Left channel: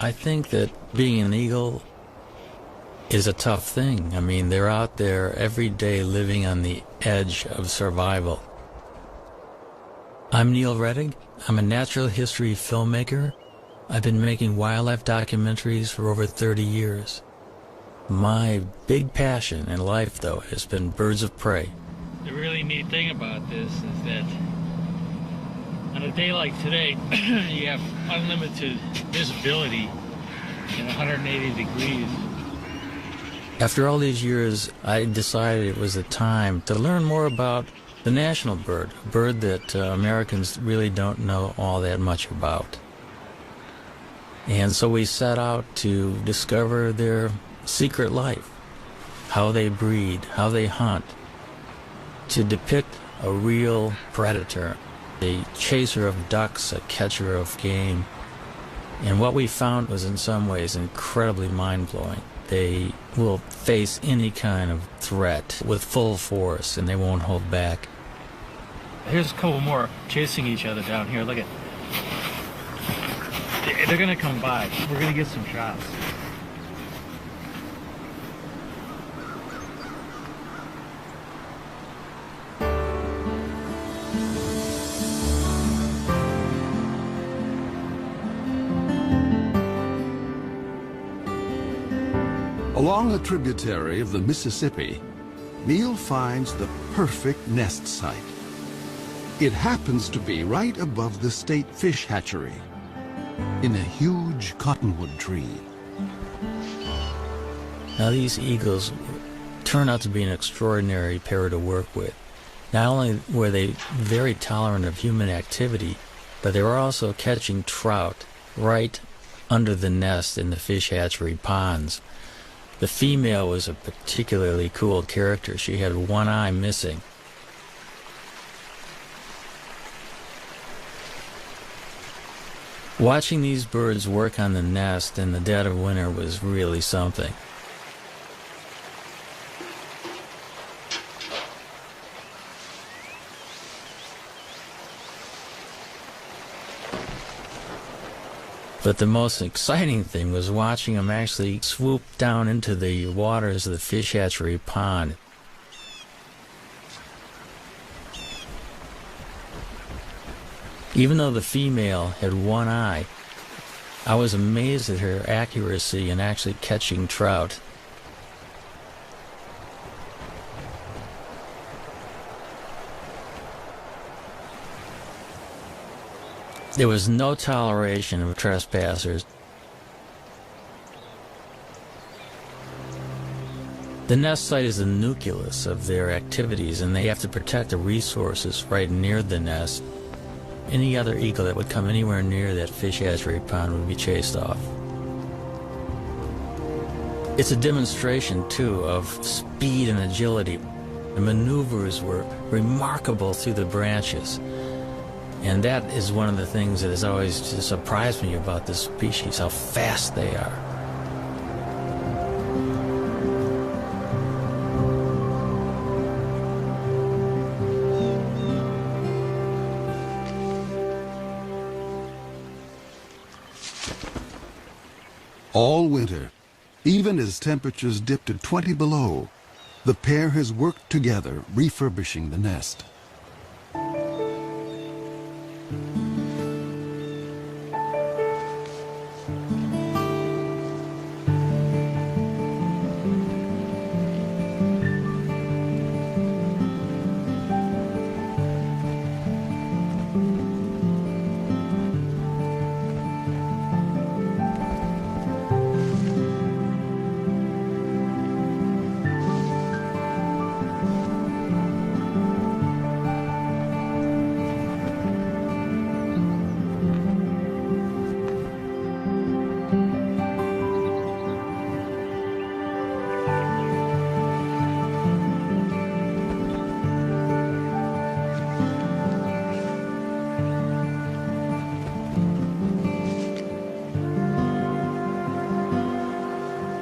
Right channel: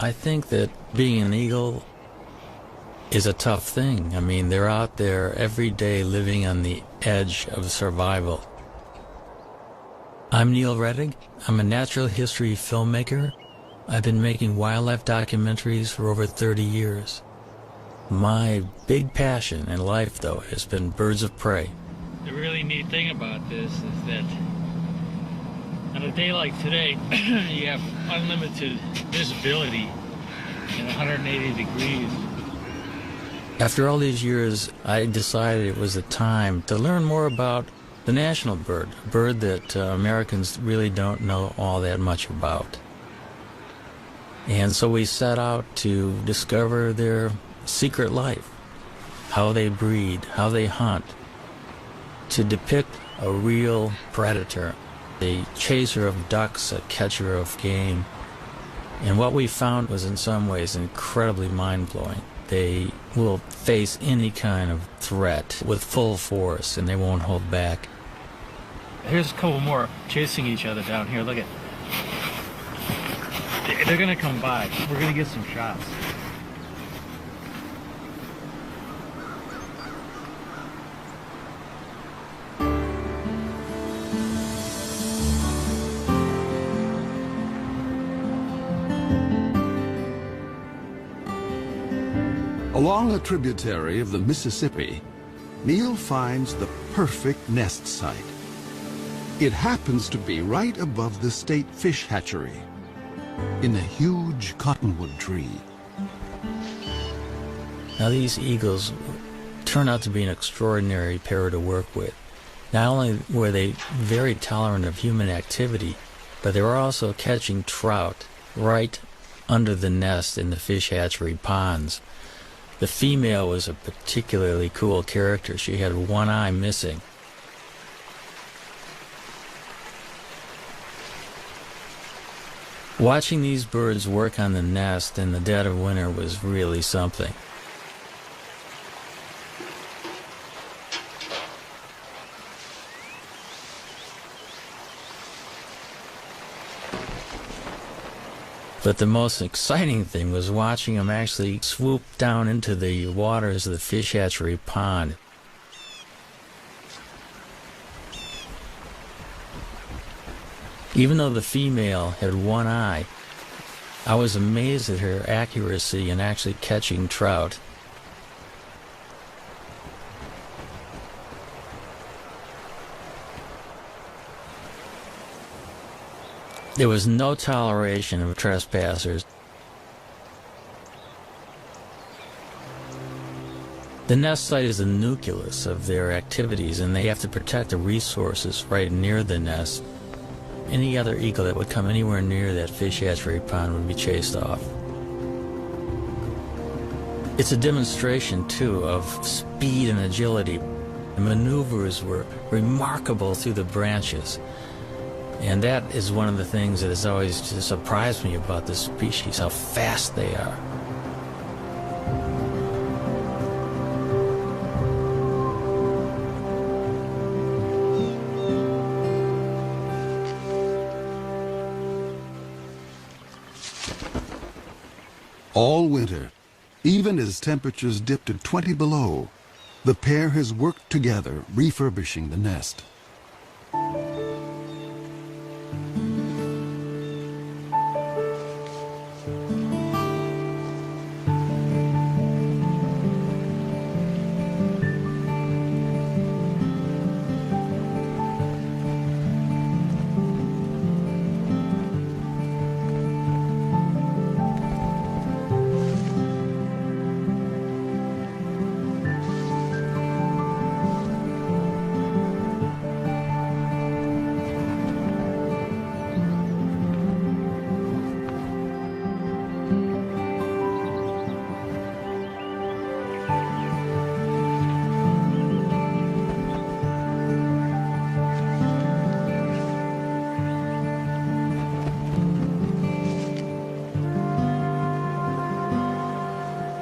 I think that being an eagle is a tough thing. I mean, they're out there every day living on the edge of survival. I'm Neil Redding. I'm a natural history filmmaker. I've been making wildlife documentaries for over 30 years. My big passion in life, though, has been birds of prey. The really neat thing about this is that on a day like today, you have unlimited visibility in 180 degrees. After all these years, I decided it was the time to learn more about the national bird, a bird that Americans really don't know all that much about. And so we set out to discover their secret life, how they breed, how they hunt, to depict a real predator, the chaser of ducks, a catcher of game. And what we found was in some ways incredibly mind-blowing. They will face any kind of threat with full force, and they won't hold back. Here's a couple more chasing each other down here. Look at. They're gonna come by. We're gonna get some shots. Along a tributary of the Mississippi, Neil finds the perfect nest site. It happens to be right above the state fish hatchery, in a huge cottonwood tree. Now these eagles turned out to be an extraordinary pair to work with. Not only were they very tolerant of human activity, but they were also catching trout right under the nest in the fish hatchery ponds. The female was a particularly cool character. She had one eye missing. Watching these birds work on the nest in the dead of winter was really something. But the most exciting thing was watching them actually swoop down into the waters of the fish hatchery pond. Even though the female had one eye, I was amazed at her accuracy in actually catching trout. There was no toleration of trespassers. The nest site is the nucleus of their activities, and they have to protect the resources right near the nest. Any other eagle that would come anywhere near that fish hatchery pond would be chased off. It's a demonstration, too, of speed and agility. The maneuvers were remarkable through the branches. And that is one of the things that has always surprised me about this species, how fast they are. All winter, even as temperatures dipped to 20 below, the pair has worked together refurbishing the nest.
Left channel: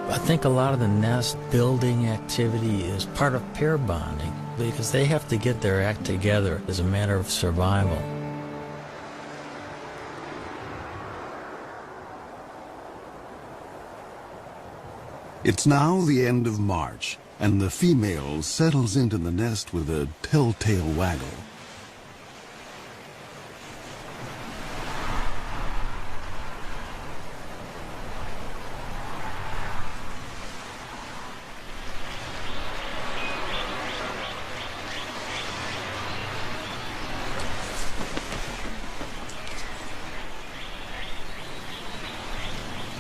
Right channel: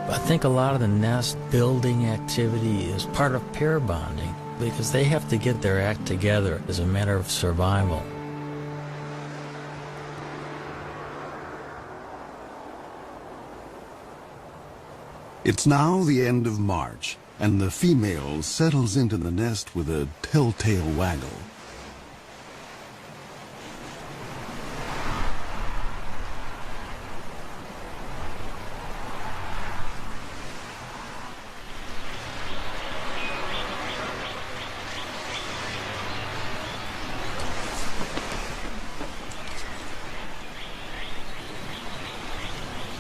I think a lot of the nest building activity is part of pair bonding, because they have to get their act together as a matter of survival. It's now the end of March, and the female settles into the nest with a telltale waggle.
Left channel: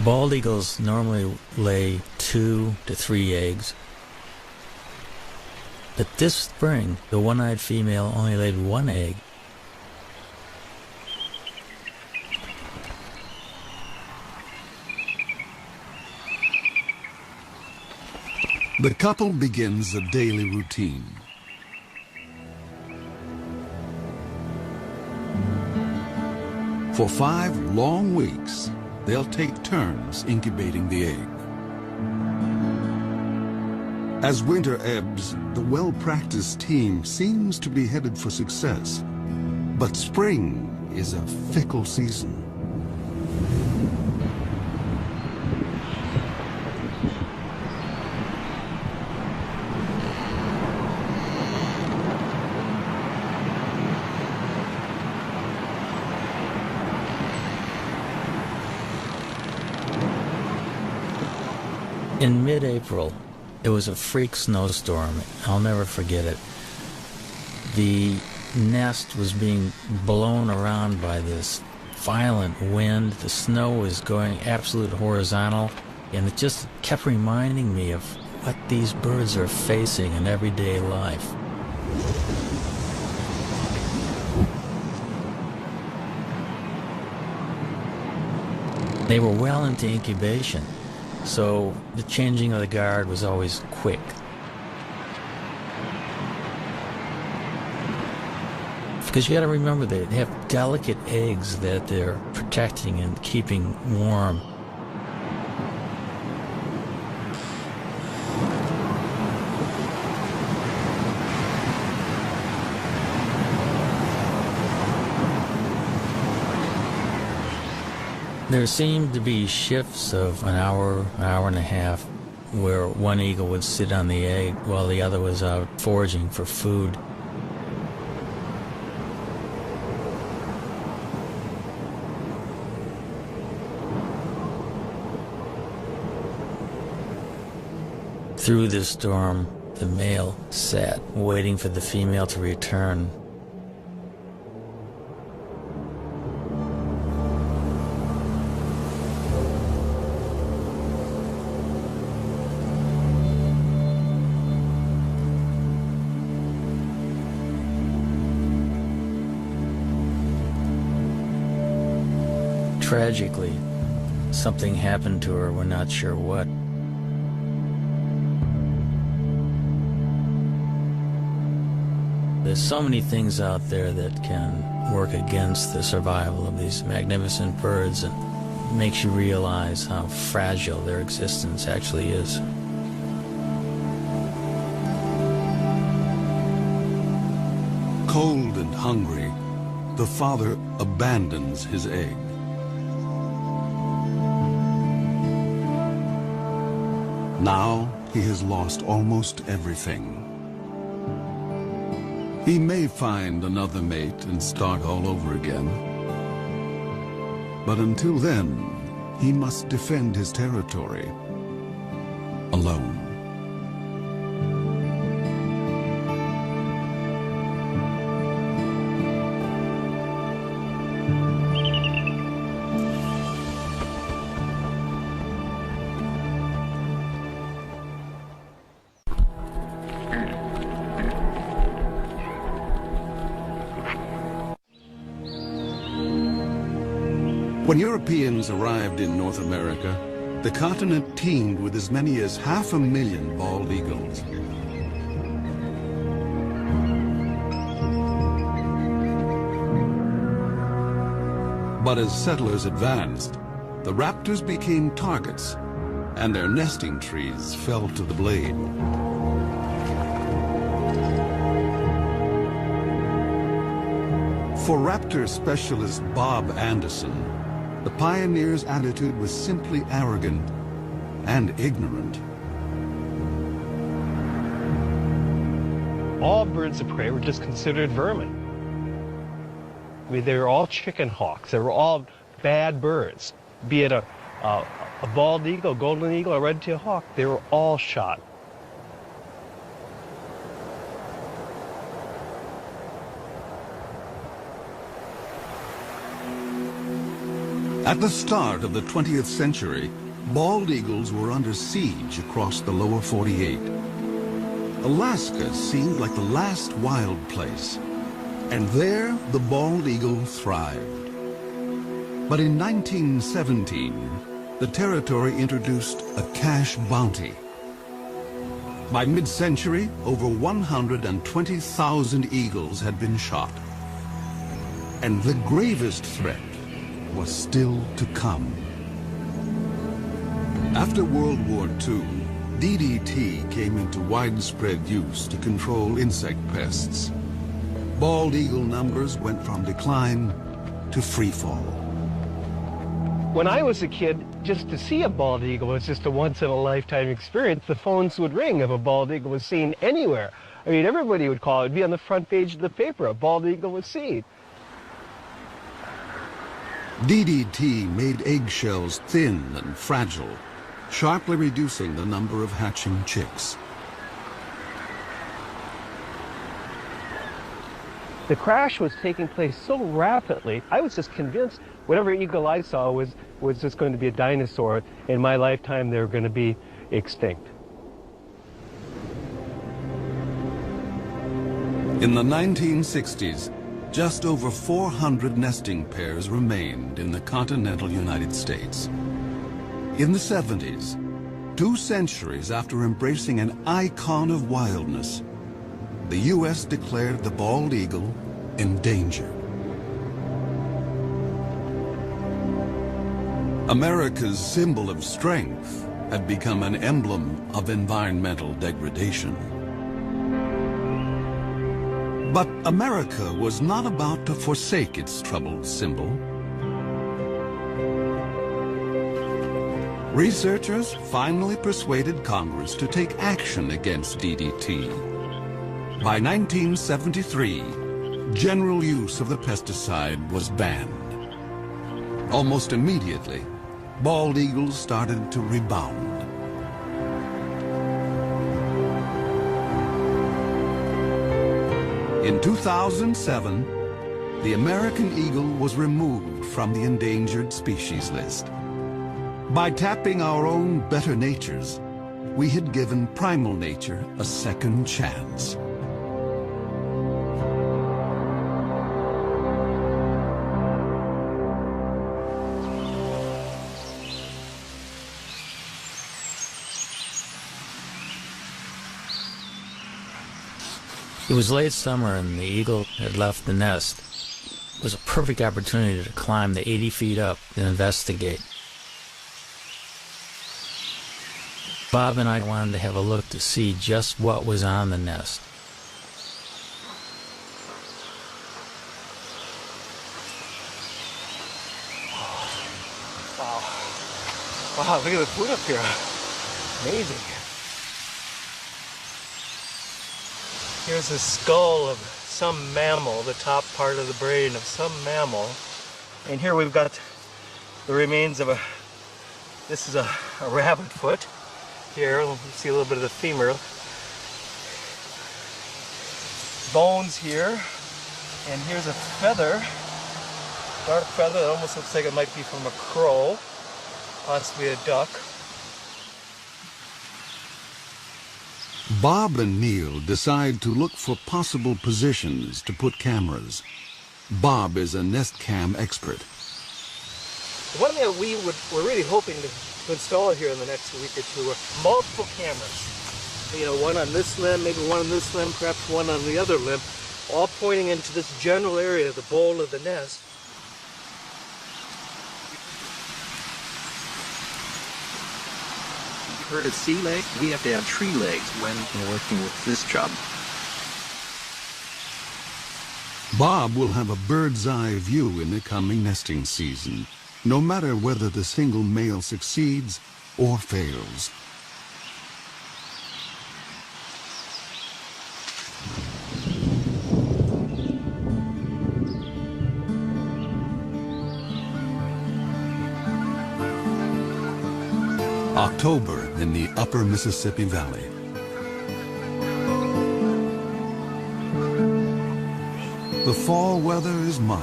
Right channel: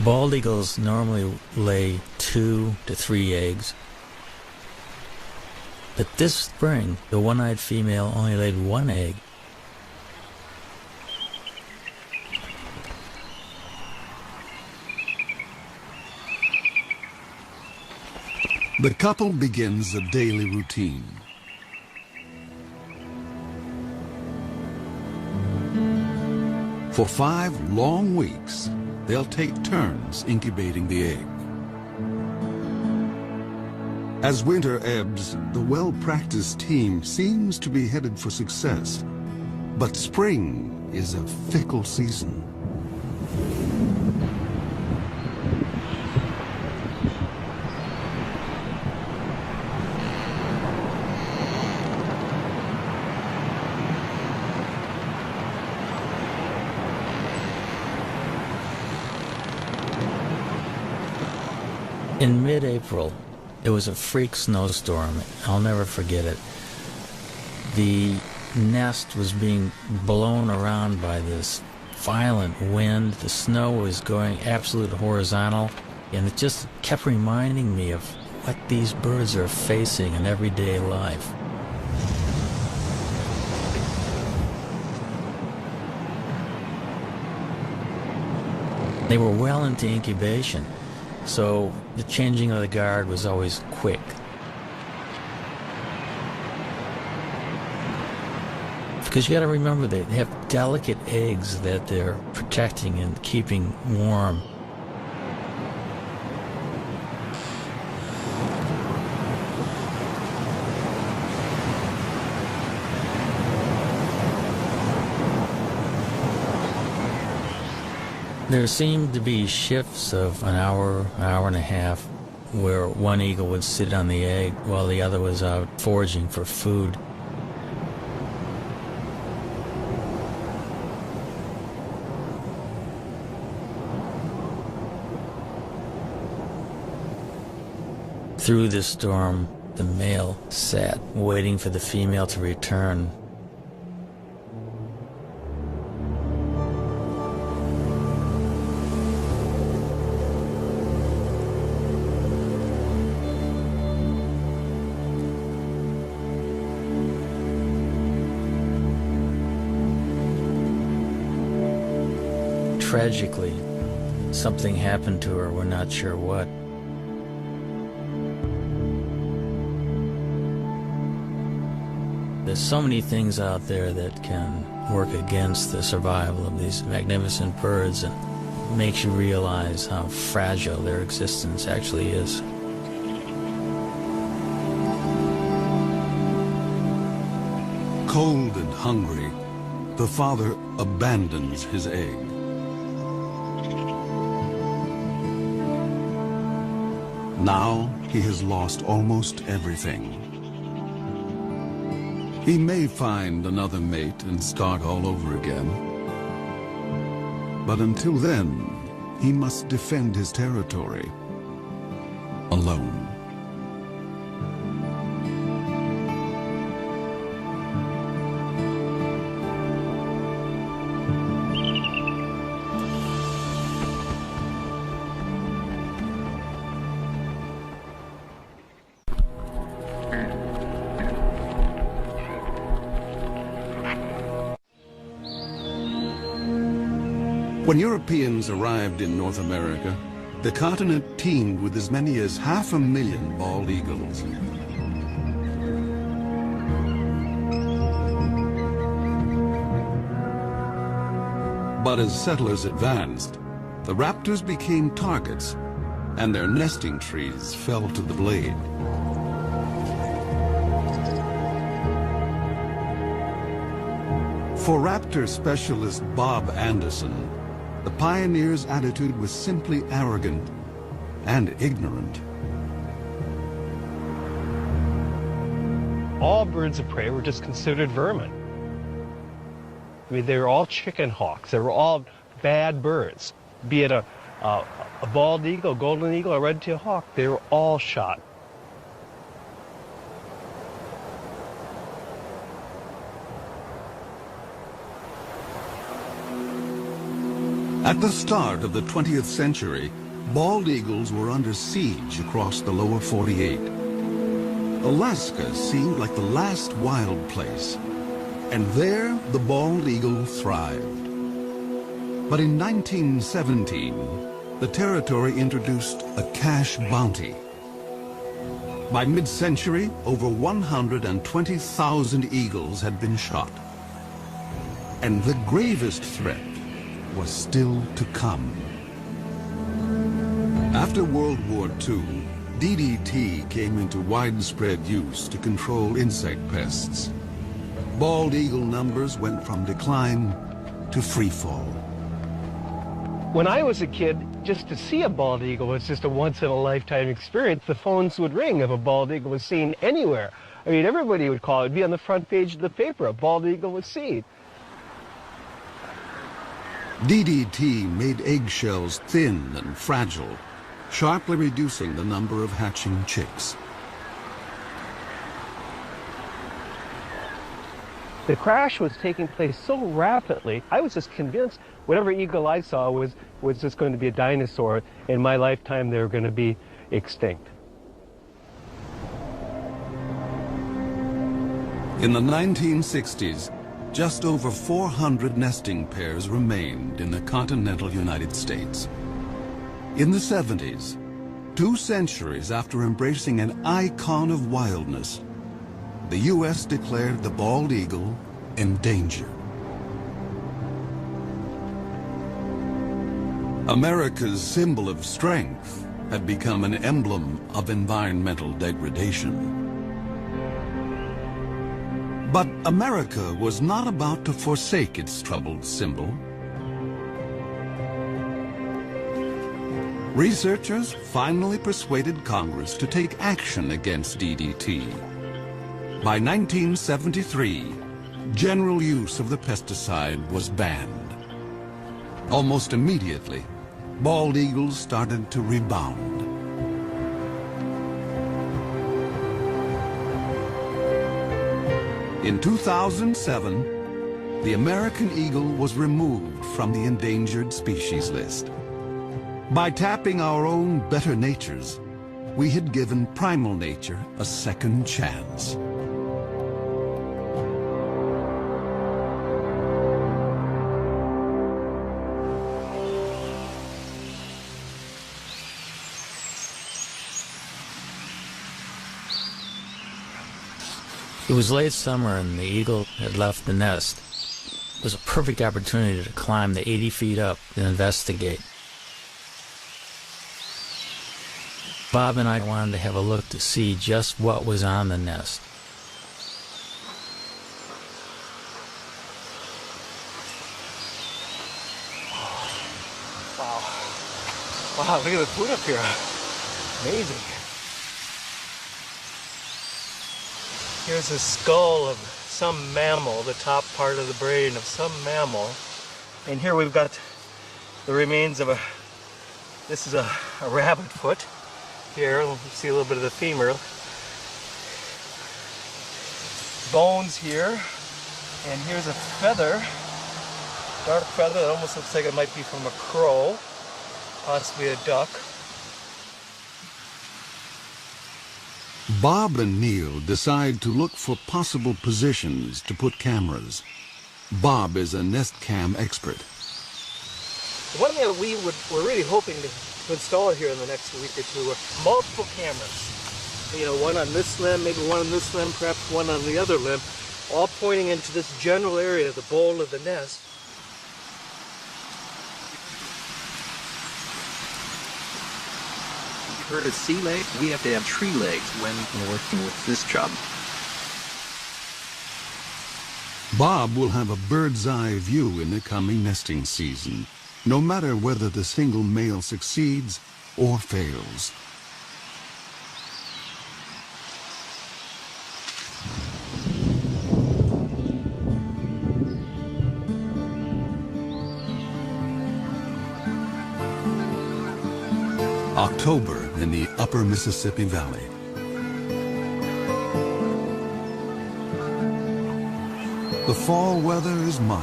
Bald eagles normally lay 2 to 3 eggs. But this spring, the one-eyed female only laid 1 egg. The couple begins a daily routine. For 5 long weeks, they'll take turns incubating the egg. As winter ebbs, the well-practiced team seems to be headed for success. But spring is a fickle season. In mid-April, it was a freak snowstorm. I'll never forget it. The nest was being blown around by this violent wind. The snow was going absolutely horizontal, and it just kept reminding me of what these birds are facing in everyday life. They were well into incubation, so the changing of the guard was always quick. Because you got to remember, they have delicate eggs that they're protecting and keeping warm. There seemed to be shifts of an hour and a half, where one eagle would sit on the egg while the other was out foraging for food. Through the storm, the male sat waiting for the female to return. Tragically, something happened to her, we're not sure what. There's so many things out there that can work against the survival of these magnificent birds, and makes you realize how fragile their existence actually is. Cold and hungry, the father abandons his egg. Now he has lost almost everything. He may find another mate and start all over again. But until then, he must defend his territory alone. When Europeans arrived in North America, the continent teemed with as many as 500,000 bald eagles. But as settlers advanced, the raptors became targets, and their nesting trees fell to the blade. For raptor specialist Bob Anderson, the pioneers' attitude was simply arrogant and ignorant. all birds of prey were just considered vermin. I mean, they were all chicken hawks. They were all bad birds. Be it a bald eagle, golden eagle, a red-tailed hawk, they were all shot. At the start of the 20th century, bald eagles were under siege across the lower 48. Alaska seemed like the last wild place, and there the bald eagle thrived. But in 1917, the territory introduced a cash bounty. By mid-century, over 120,000 eagles had been shot. And the gravest threat was still to come. After World War II, DDT came into widespread use to control insect pests. Bald eagle numbers went from decline to freefall. When I was a kid, just to see a bald eagle was just a once-in-a-lifetime experience. The phones would ring if a bald eagle was seen anywhere. I mean, everybody would call. It'd be on the front page of the paper. A bald eagle was seen. DDT made eggshells thin and fragile, sharply reducing the number of hatching chicks. The crash was taking place so rapidly, I was just convinced whatever eagle I saw was just going to be a dinosaur. In my lifetime, they were going to be extinct. In the 1960s, just over 400 nesting pairs remained in the continental United States. In the 70s, 2 centuries after embracing an icon of wildness, the U.S. declared the bald eagle endangered. America's symbol of strength had become an emblem of environmental degradation. But America was not about to forsake its troubled symbol. Researchers finally persuaded Congress to take action against DDT. By 1973, general use of the pesticide was banned. Almost immediately, bald eagles started to rebound. In 2007, the American eagle was removed from the endangered species list. By tapping our own better natures, we had given primal nature a second chance. It was late summer and the eagle had left the nest. It was a perfect opportunity to climb the 80 feet up and investigate. Bob and I wanted to have a look to see just what was on the nest. Wow, look at the food up here. Amazing. Here's a skull of some mammal, the top part of the brain of some mammal. And here we've got the remains of this is a rabbit foot. Here, you see a little bit of the femur. Bones here. And here's a feather. Dark feather, it almost looks like it might be from a crow. Possibly a duck. Bob and Neil decide to look for possible positions to put cameras. Bob is a nest cam expert. One thing that we're really hoping to install here in the next week or two are multiple cameras. You know, one on this limb, maybe one on this limb, perhaps one on the other limb, all pointing into this general area, the bowl of the nest. For a sea leg, we have to have tree legs when working with this job. Bob will have a bird's eye view in the coming nesting season, no matter whether the single male succeeds or fails. October in the upper Mississippi Valley. The fall weather is mild,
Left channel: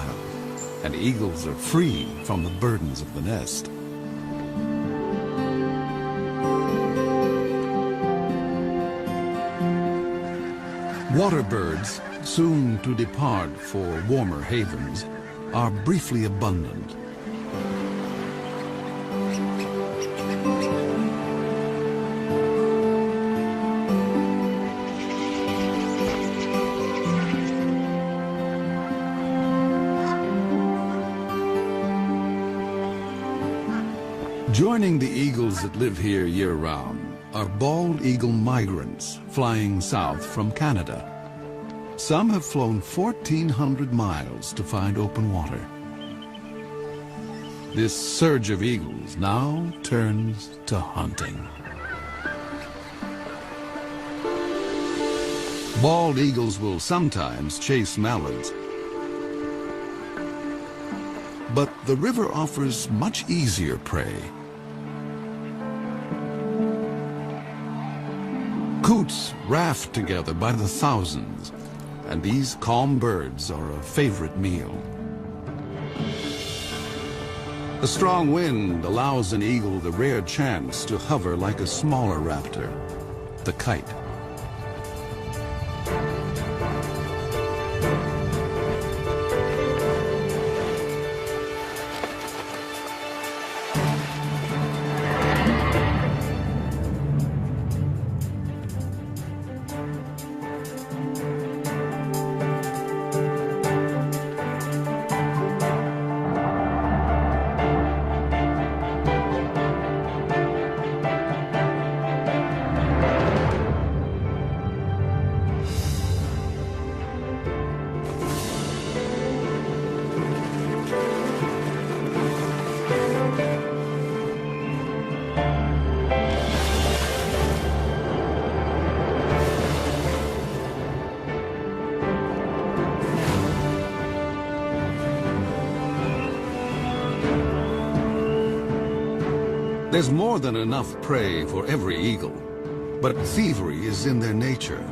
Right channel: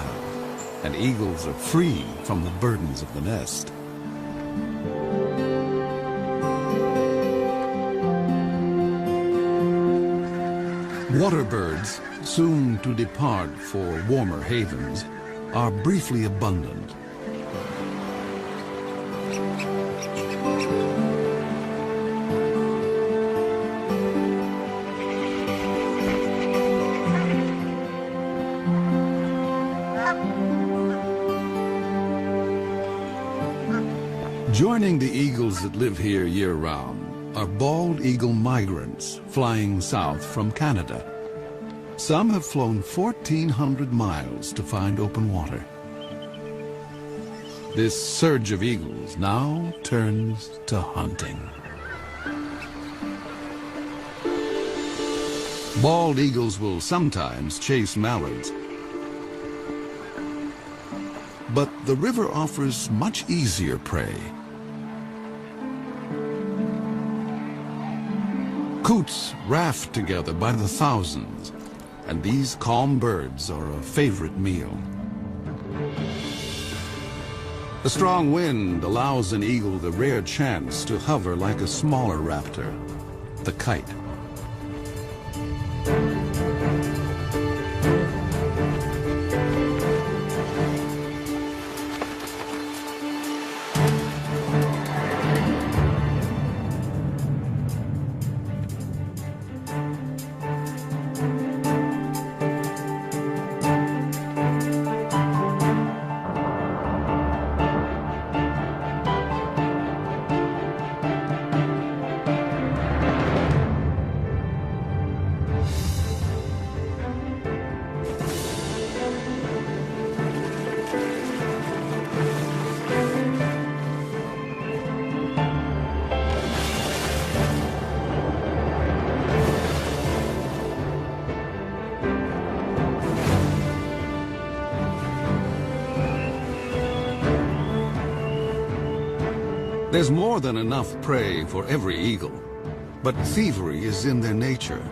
and eagles are free from the burdens of the nest. Water birds, soon to depart for warmer havens, are briefly abundant. Joining the eagles that live here year-round are bald eagle migrants flying south from Canada. Some have flown 1,400 miles to find open water. This surge of eagles now turns to hunting. Bald eagles will sometimes chase mallards, but the river offers much easier prey. Coots raft together by the thousands, and these calm birds are a favorite meal. The strong wind allows an eagle the rare chance to hover like a smaller raptor, the kite. There's more than enough prey for every eagle, but thievery is in their nature.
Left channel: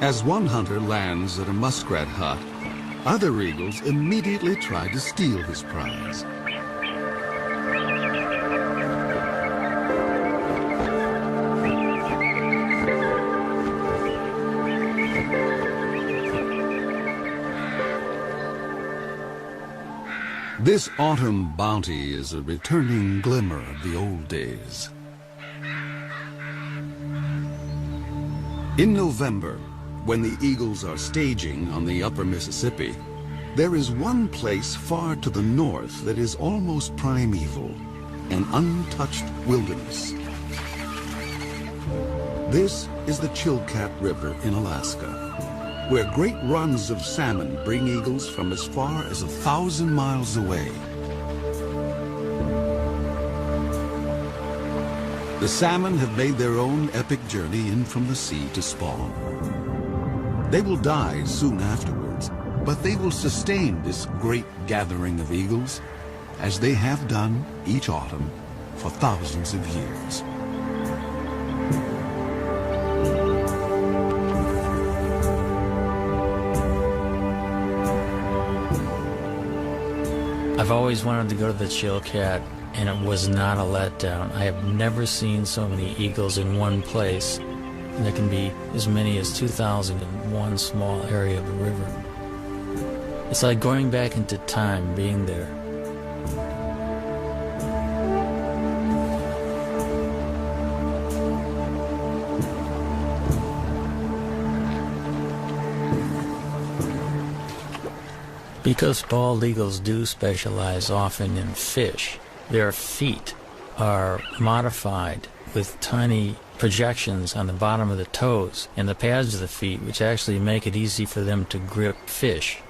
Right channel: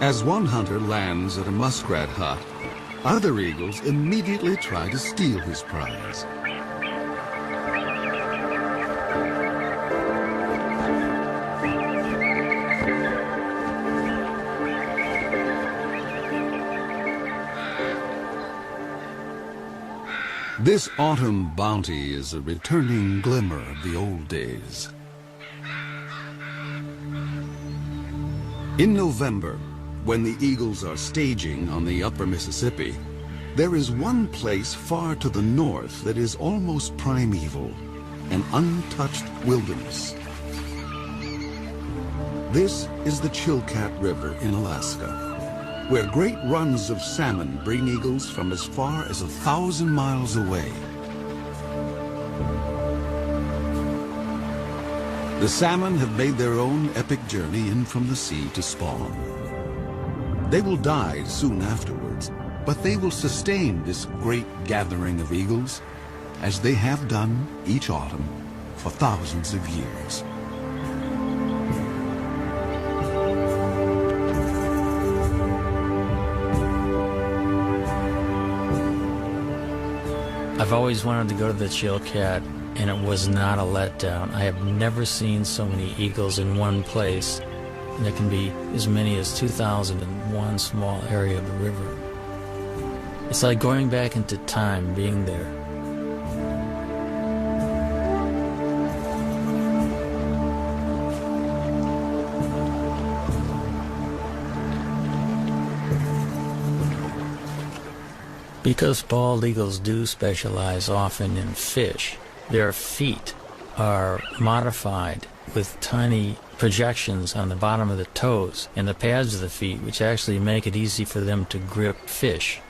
As one hunter lands at a muskrat hut, other eagles immediately try to steal his prize. This autumn bounty is a returning glimmer of the old days. In November, when the eagles are staging on the upper Mississippi, there is one place far to the north that is almost primeval, an untouched wilderness. This is the Chilkat River in Alaska, where great runs of salmon bring eagles from as far as 1,000 miles away. The salmon have made their own epic journey in from the sea to spawn. They will die soon afterwards, but they will sustain this great gathering of eagles, as they have done each autumn for thousands of years. I've always wanted to go to the Chilkat, and it was not a letdown. I have never seen so many eagles in one place, and there can be as many as 2,000 in one small area of the river. It's like going back into time being there. Because bald eagles do specialize often in fish, their feet are modified with tiny projections on the bottom of the toes and the pads of the feet, which actually make it easy for them to grip fish.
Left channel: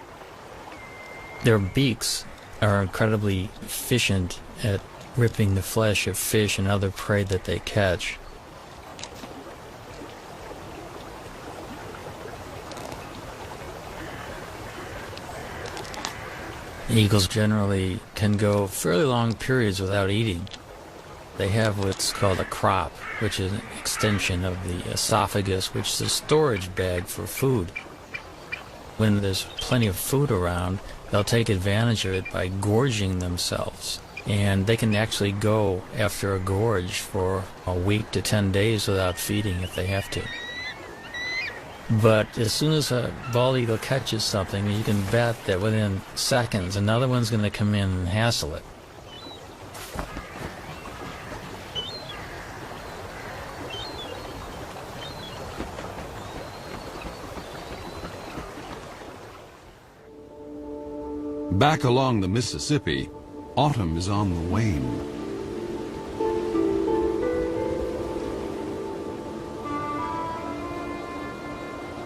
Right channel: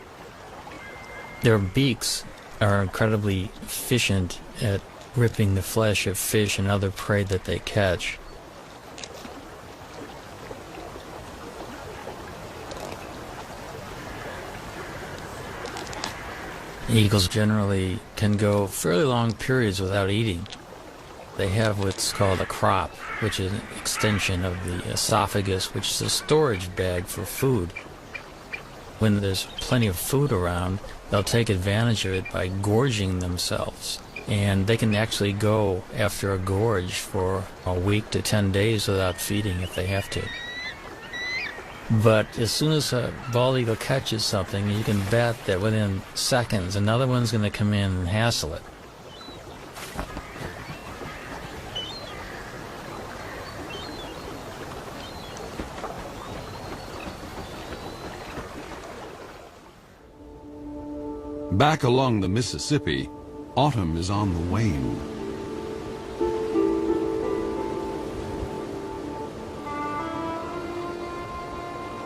Their beaks are incredibly efficient at ripping the flesh of fish and other prey that they catch. Eagles generally can go fairly long periods without eating. They have what's called a crop, which is an extension of the esophagus, which is a storage bag for food. When there's plenty of food around, they'll take advantage of it by gorging themselves. And they can actually go after a gorge for a week to 10 days without feeding if they have to. But as soon as a bald eagle catches something, you can bet that within seconds another one's going to come in and hassle it. Back along the Mississippi, autumn is on the wane.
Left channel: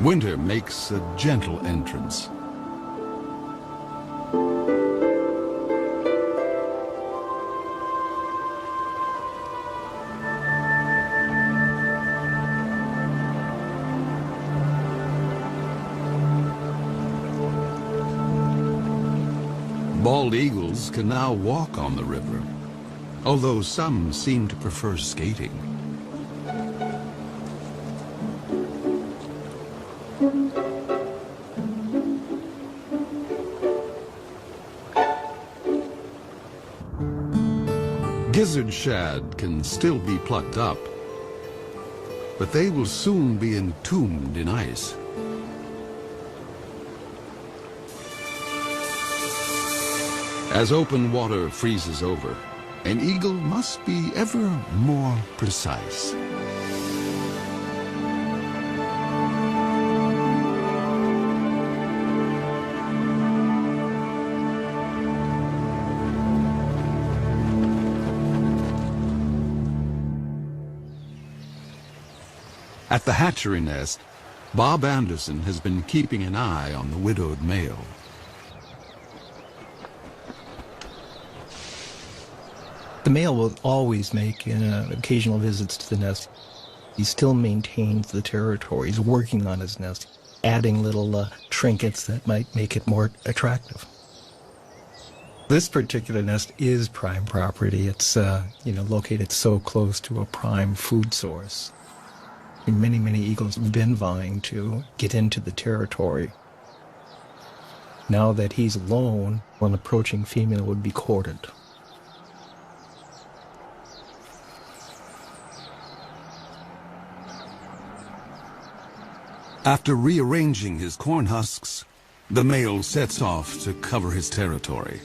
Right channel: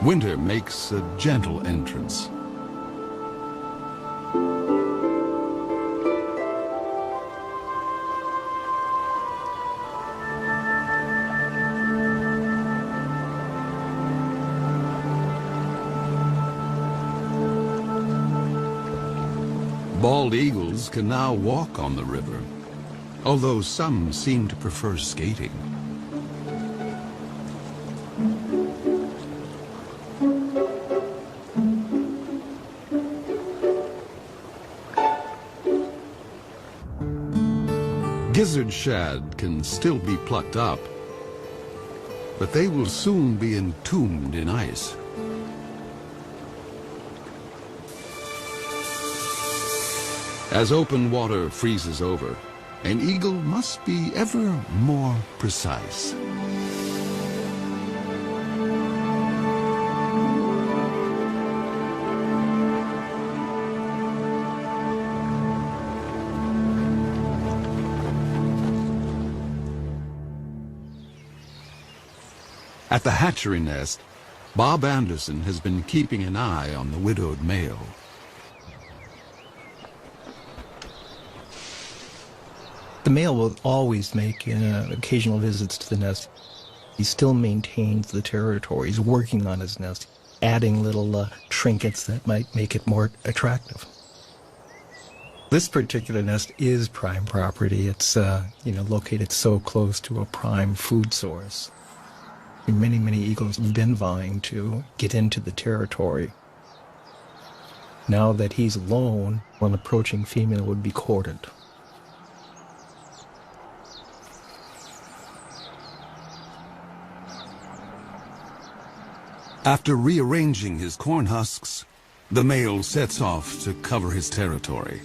Winter makes a gentle entrance. Bald eagles can now walk on the river, although some seem to prefer skating. Gizzard shad can still be plucked up, but they will soon be entombed in ice. As open water freezes over, an eagle must be ever more precise. At the hatchery nest, Bob Anderson has been keeping an eye on the widowed male. The male will always make occasional visits to the nest. He still maintains the territory. He's working on his nest, adding little trinkets that might make it more attractive. This particular nest is prime property. It's located so close to a prime food source. Many, many eagles have been vying to get into the territory. Now that he's alone, an approaching female would be courted. After rearranging his corn husks, the male sets off to cover his territory.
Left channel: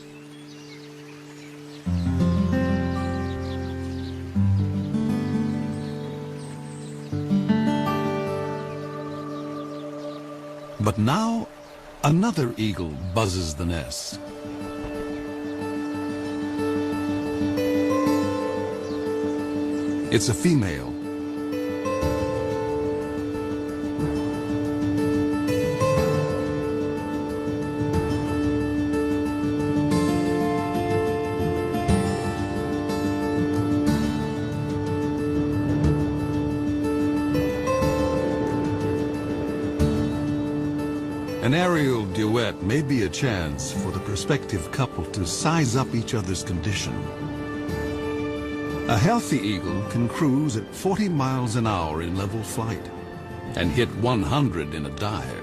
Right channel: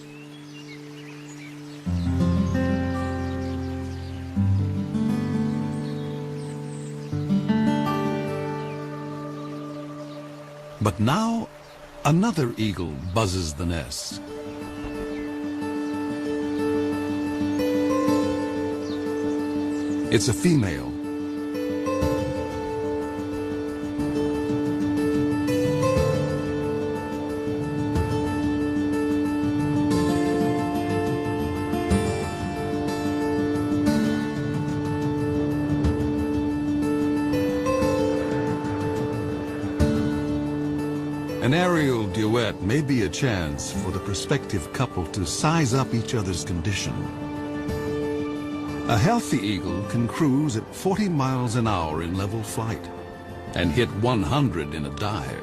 But now, another eagle buzzes the nest. It's a female. An aerial duet may be a chance for the prospective couple to size up each other's condition. A healthy eagle can cruise at 40 miles an hour in level flight and hit 100 in a dive.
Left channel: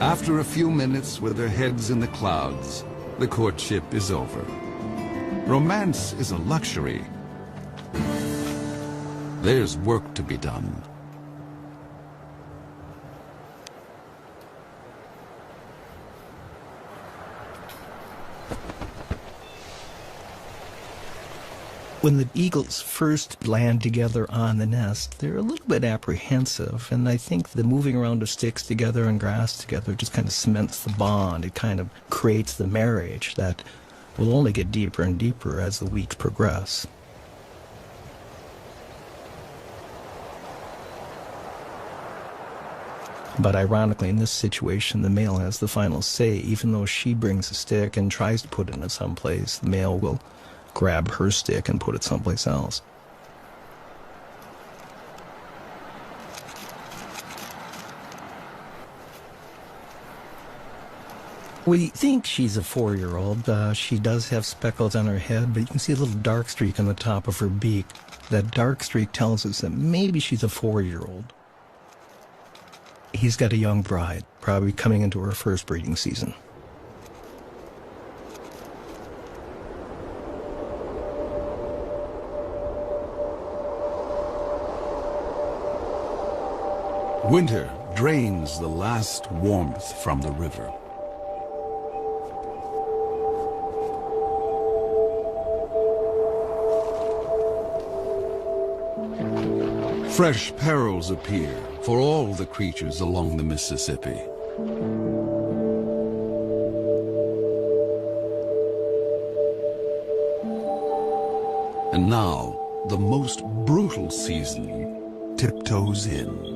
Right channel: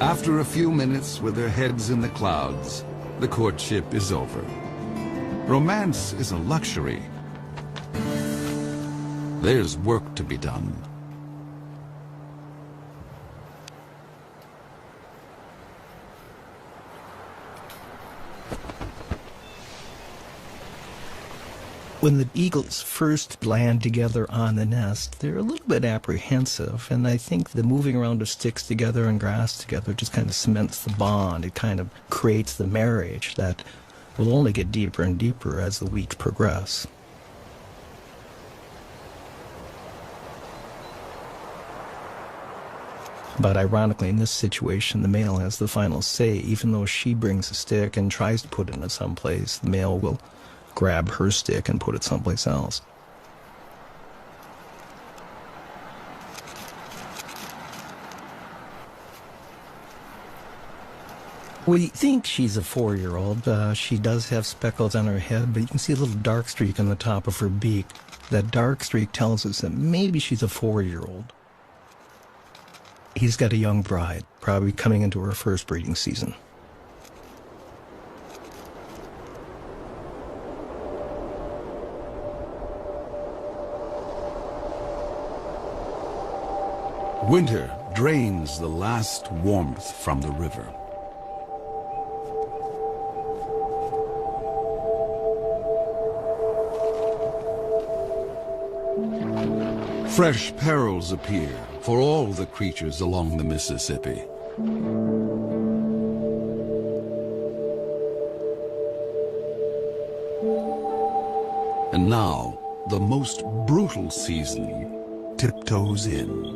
After a few minutes with their heads in the clouds, the courtship is over. Romance is a luxury. There's work to be done. When the eagles first land together on the nest, they're a little bit apprehensive, and I think the moving around of sticks together and grass together just kind of cements the bond. It kind of creates the marriage that will only get deeper and deeper as the weeks progress. But ironically, in this situation, the male has the final say. Even though she brings a stick and tries to put it in someplace, the male will grab her stick and put it someplace else. We think she's a 4-year-old. She does have speckles on her head, but you can see a little dark streak on the top of her beak. That dark streak tells us that maybe she's a 4-year-old. He's got a young bride, probably coming into her first breeding season. Winter drains the last warmth from the river. Fresh perils appear for all the creatures along the Mississippi. And now, the most brutal season tiptoes in.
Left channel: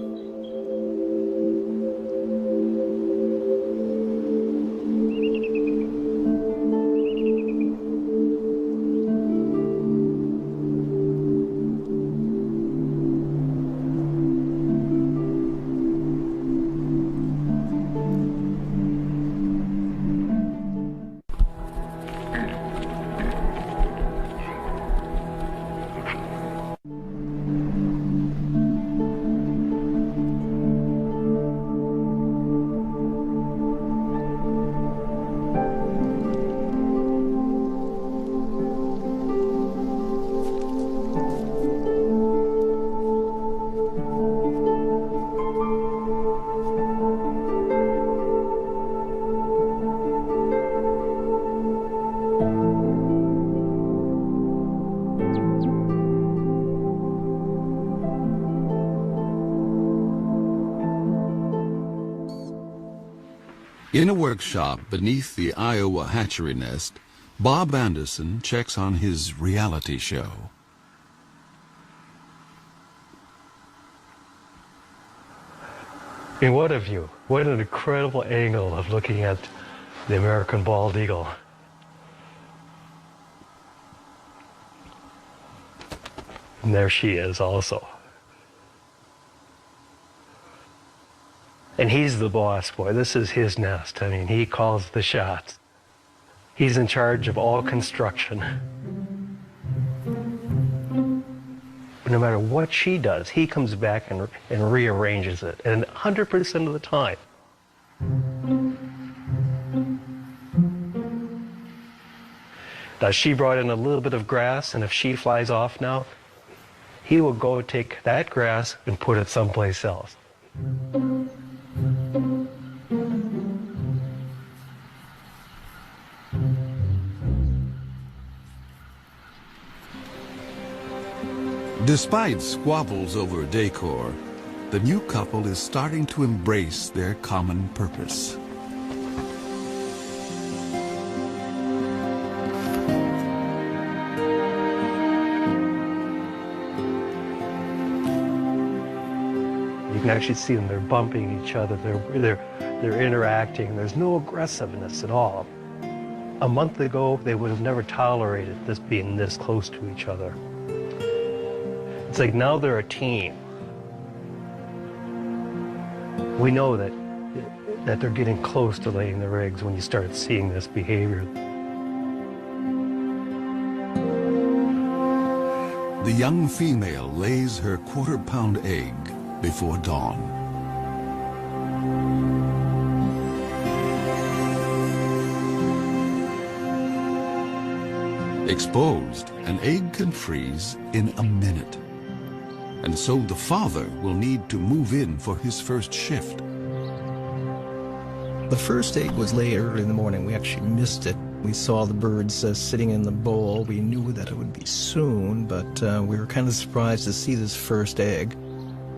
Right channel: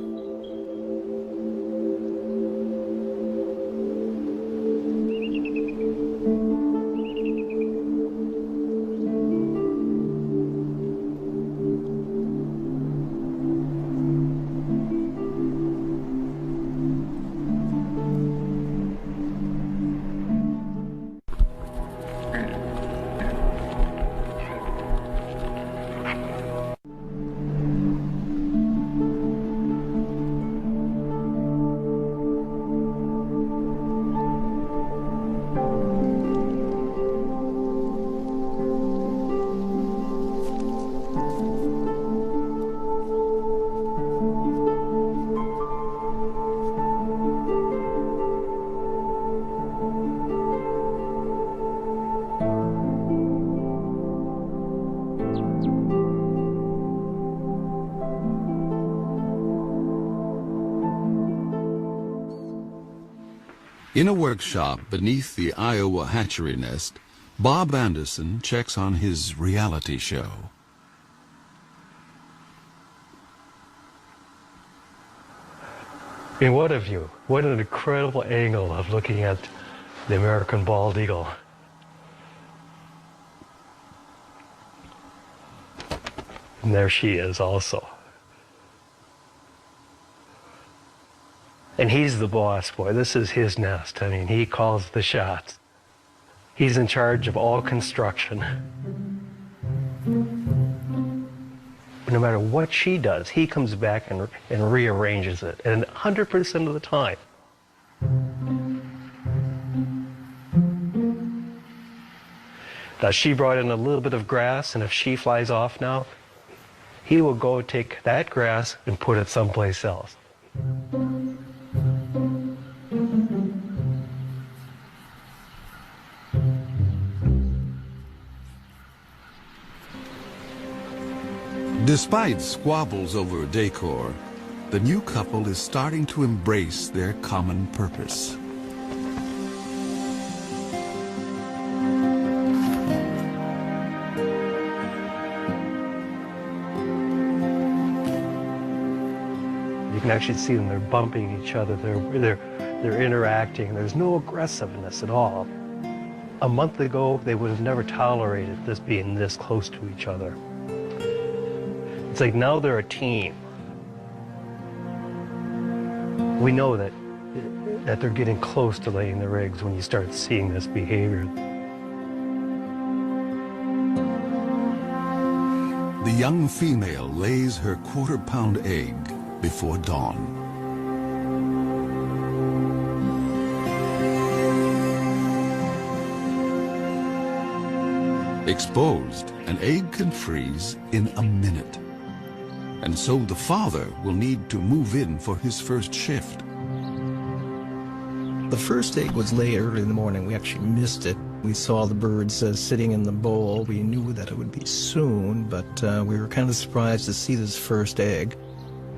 In a workshop beneath the Iowa hatchery nest, Bob Anderson checks on his reality show. I mean, what a view. What an incredible angle of looking at the American bald eagle. And there she is also. And he's the boss boy. This is his nest. I mean, he calls the shots. He's in charge of all construction. No matter what she does, he comes back and rearranges it. And 100% of the time. Now, she brought in a little bit of grass, and if she flies off now, he will go take that grass and put it someplace else. Despite squabbles over decor, the new couple is starting to embrace their common purpose. You can actually see them, they're bumping each other, they're interacting. There's no aggressiveness at all. A month ago, they would have never tolerated this being this close to each other. It's like now they're a team. We know that they're getting close to laying their eggs when you start seeing this behavior. The young female lays her quarter-pound egg before dawn. Exposed, an egg can freeze in a minute. And so the father will need to move in for his first shift. The first egg was laid early in the morning. We actually missed it. We saw the birds sitting in the bowl. We knew that it would be soon, but we were kind of surprised to see this first egg.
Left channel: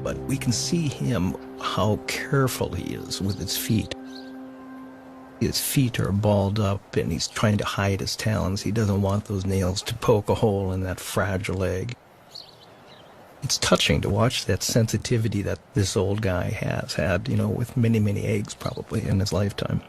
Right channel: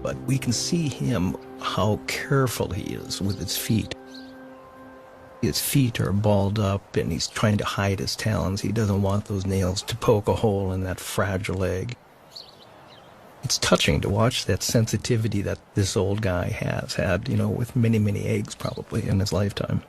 But we can see him, how careful he is with his feet. His feet are balled up, and he's trying to hide his talons. He doesn't want those nails to poke a hole in that fragile egg. It's touching to watch that sensitivity that this old guy has had, you know, with many, many eggs probably in his lifetime.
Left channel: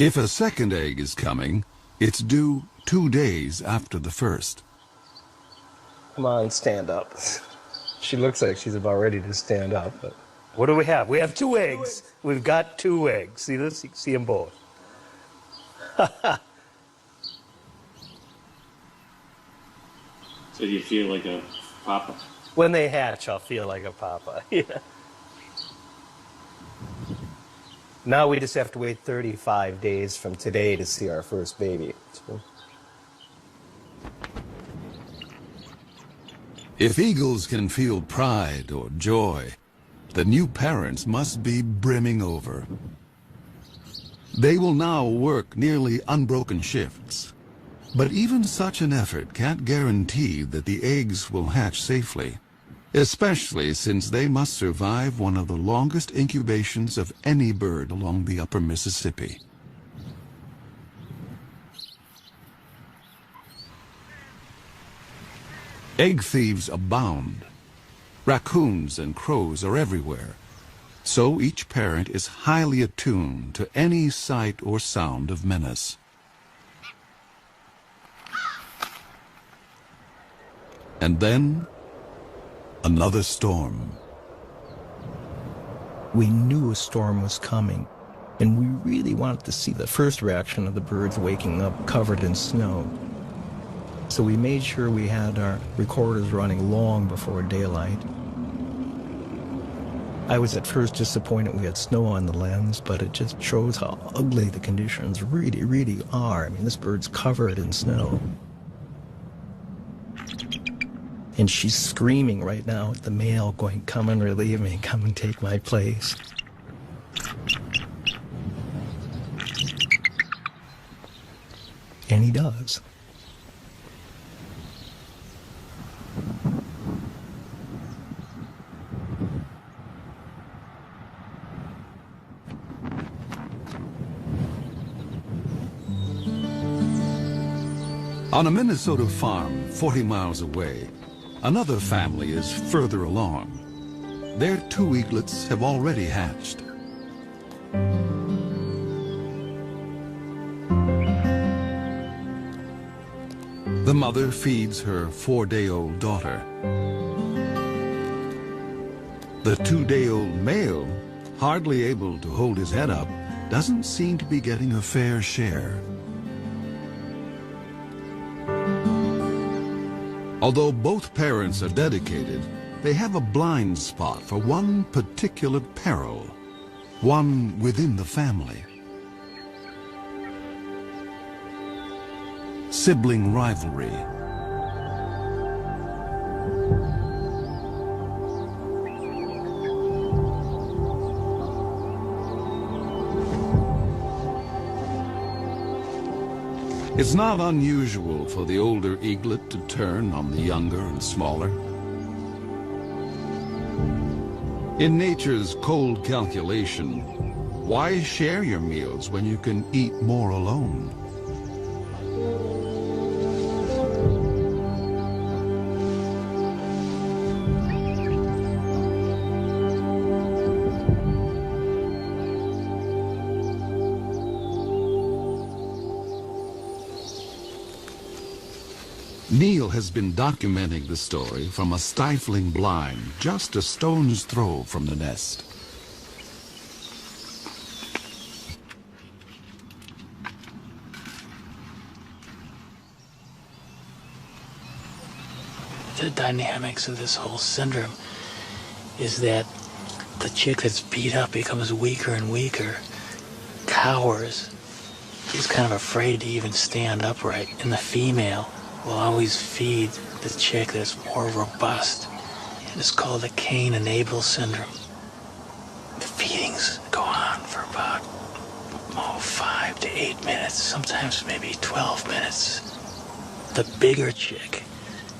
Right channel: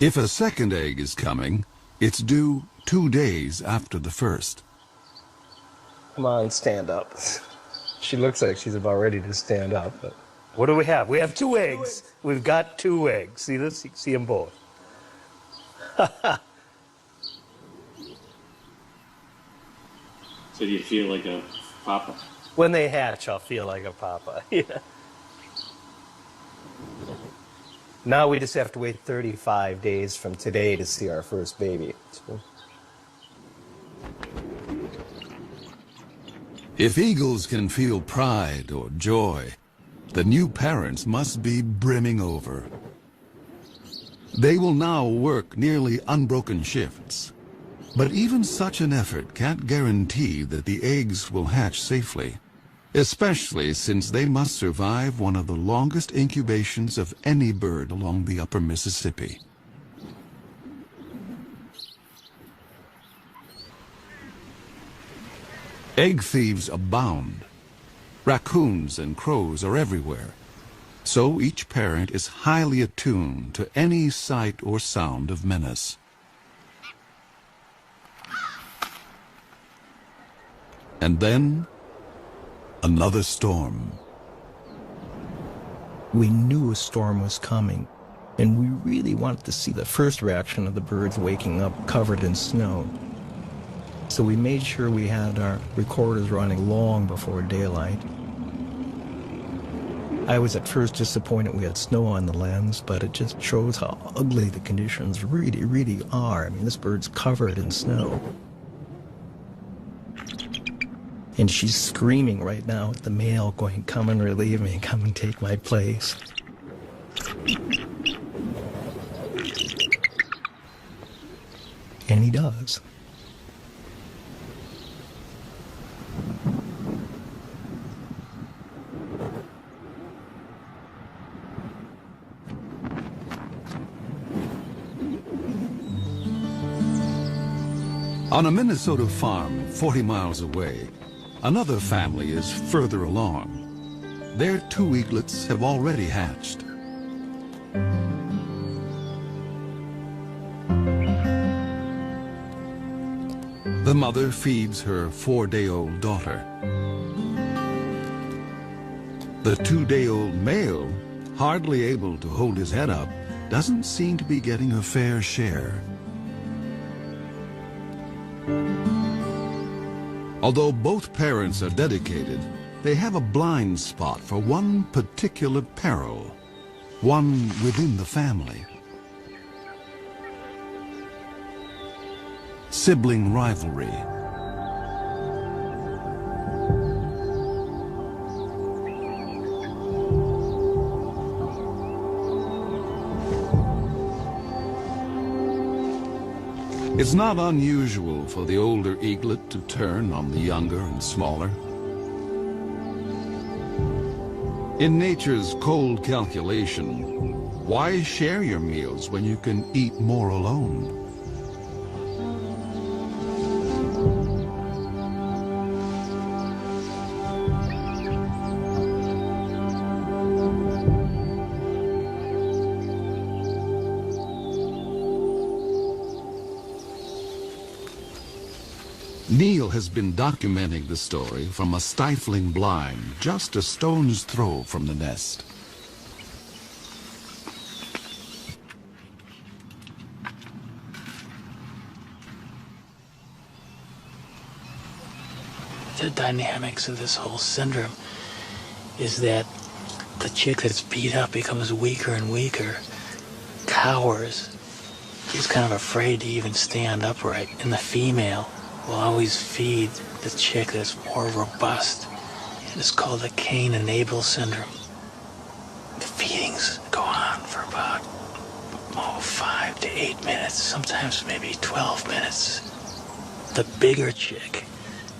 If a second egg is coming, it's due 2 days after the first. Come on, stand up. She looks like she's about ready to stand up, but what do we have? We have 2 eggs. We've got 2 eggs. See this? You can see them both. So do you feel like a papa? When they hatch, I'll feel like a papa. Yeah. Now we just have to wait 35 days from today to see our first baby. If eagles can feel pride or joy, the new parents must be brimming over. They will now work nearly unbroken shifts. But even such an effort can't guarantee that the eggs will hatch safely, especially since they must survive one of the longest incubations of any bird along the upper Mississippi. Egg thieves abound. Raccoons and crows are everywhere. So each parent is highly attuned to any sight or sound of menace. And then, another storm. We knew a storm was coming, and we really wanted to see the first reaction of the birds waking up covered in snow. So we made sure we had our recorders running long before daylight. I was at first disappointed we had snow on the lens, but it just shows how ugly the conditions really, really are. I mean, this bird's covered in snow. And she's screaming right now at the male, going, "Come and relieve me, come and take my place." And he does. On a Minnesota farm 40 miles away, another family is further along. Their 2 eaglets have already hatched. The mother feeds her 4-day-old daughter. The 2-day-old male, hardly able to hold his head up, doesn't seem to be getting a fair share. Although both parents are dedicated, they have a blind spot for one particular peril, one within the family. Sibling rivalry. It's not unusual for the older eaglet to turn on the younger and smaller. In nature's cold calculation, why share your meals when you can eat more alone? Neil has been documenting the story from a stifling blind just a stone's throw from the nest. The dynamics of this whole syndrome is that the chick that's beat up becomes weaker and weaker, cowers. She's kind of afraid to even stand upright, and the female will always feed the chick that's more robust. It is called the Cain and Abel syndrome. The feedings go on for about 5 to 8 minutes, sometimes maybe 12 minutes. The bigger chick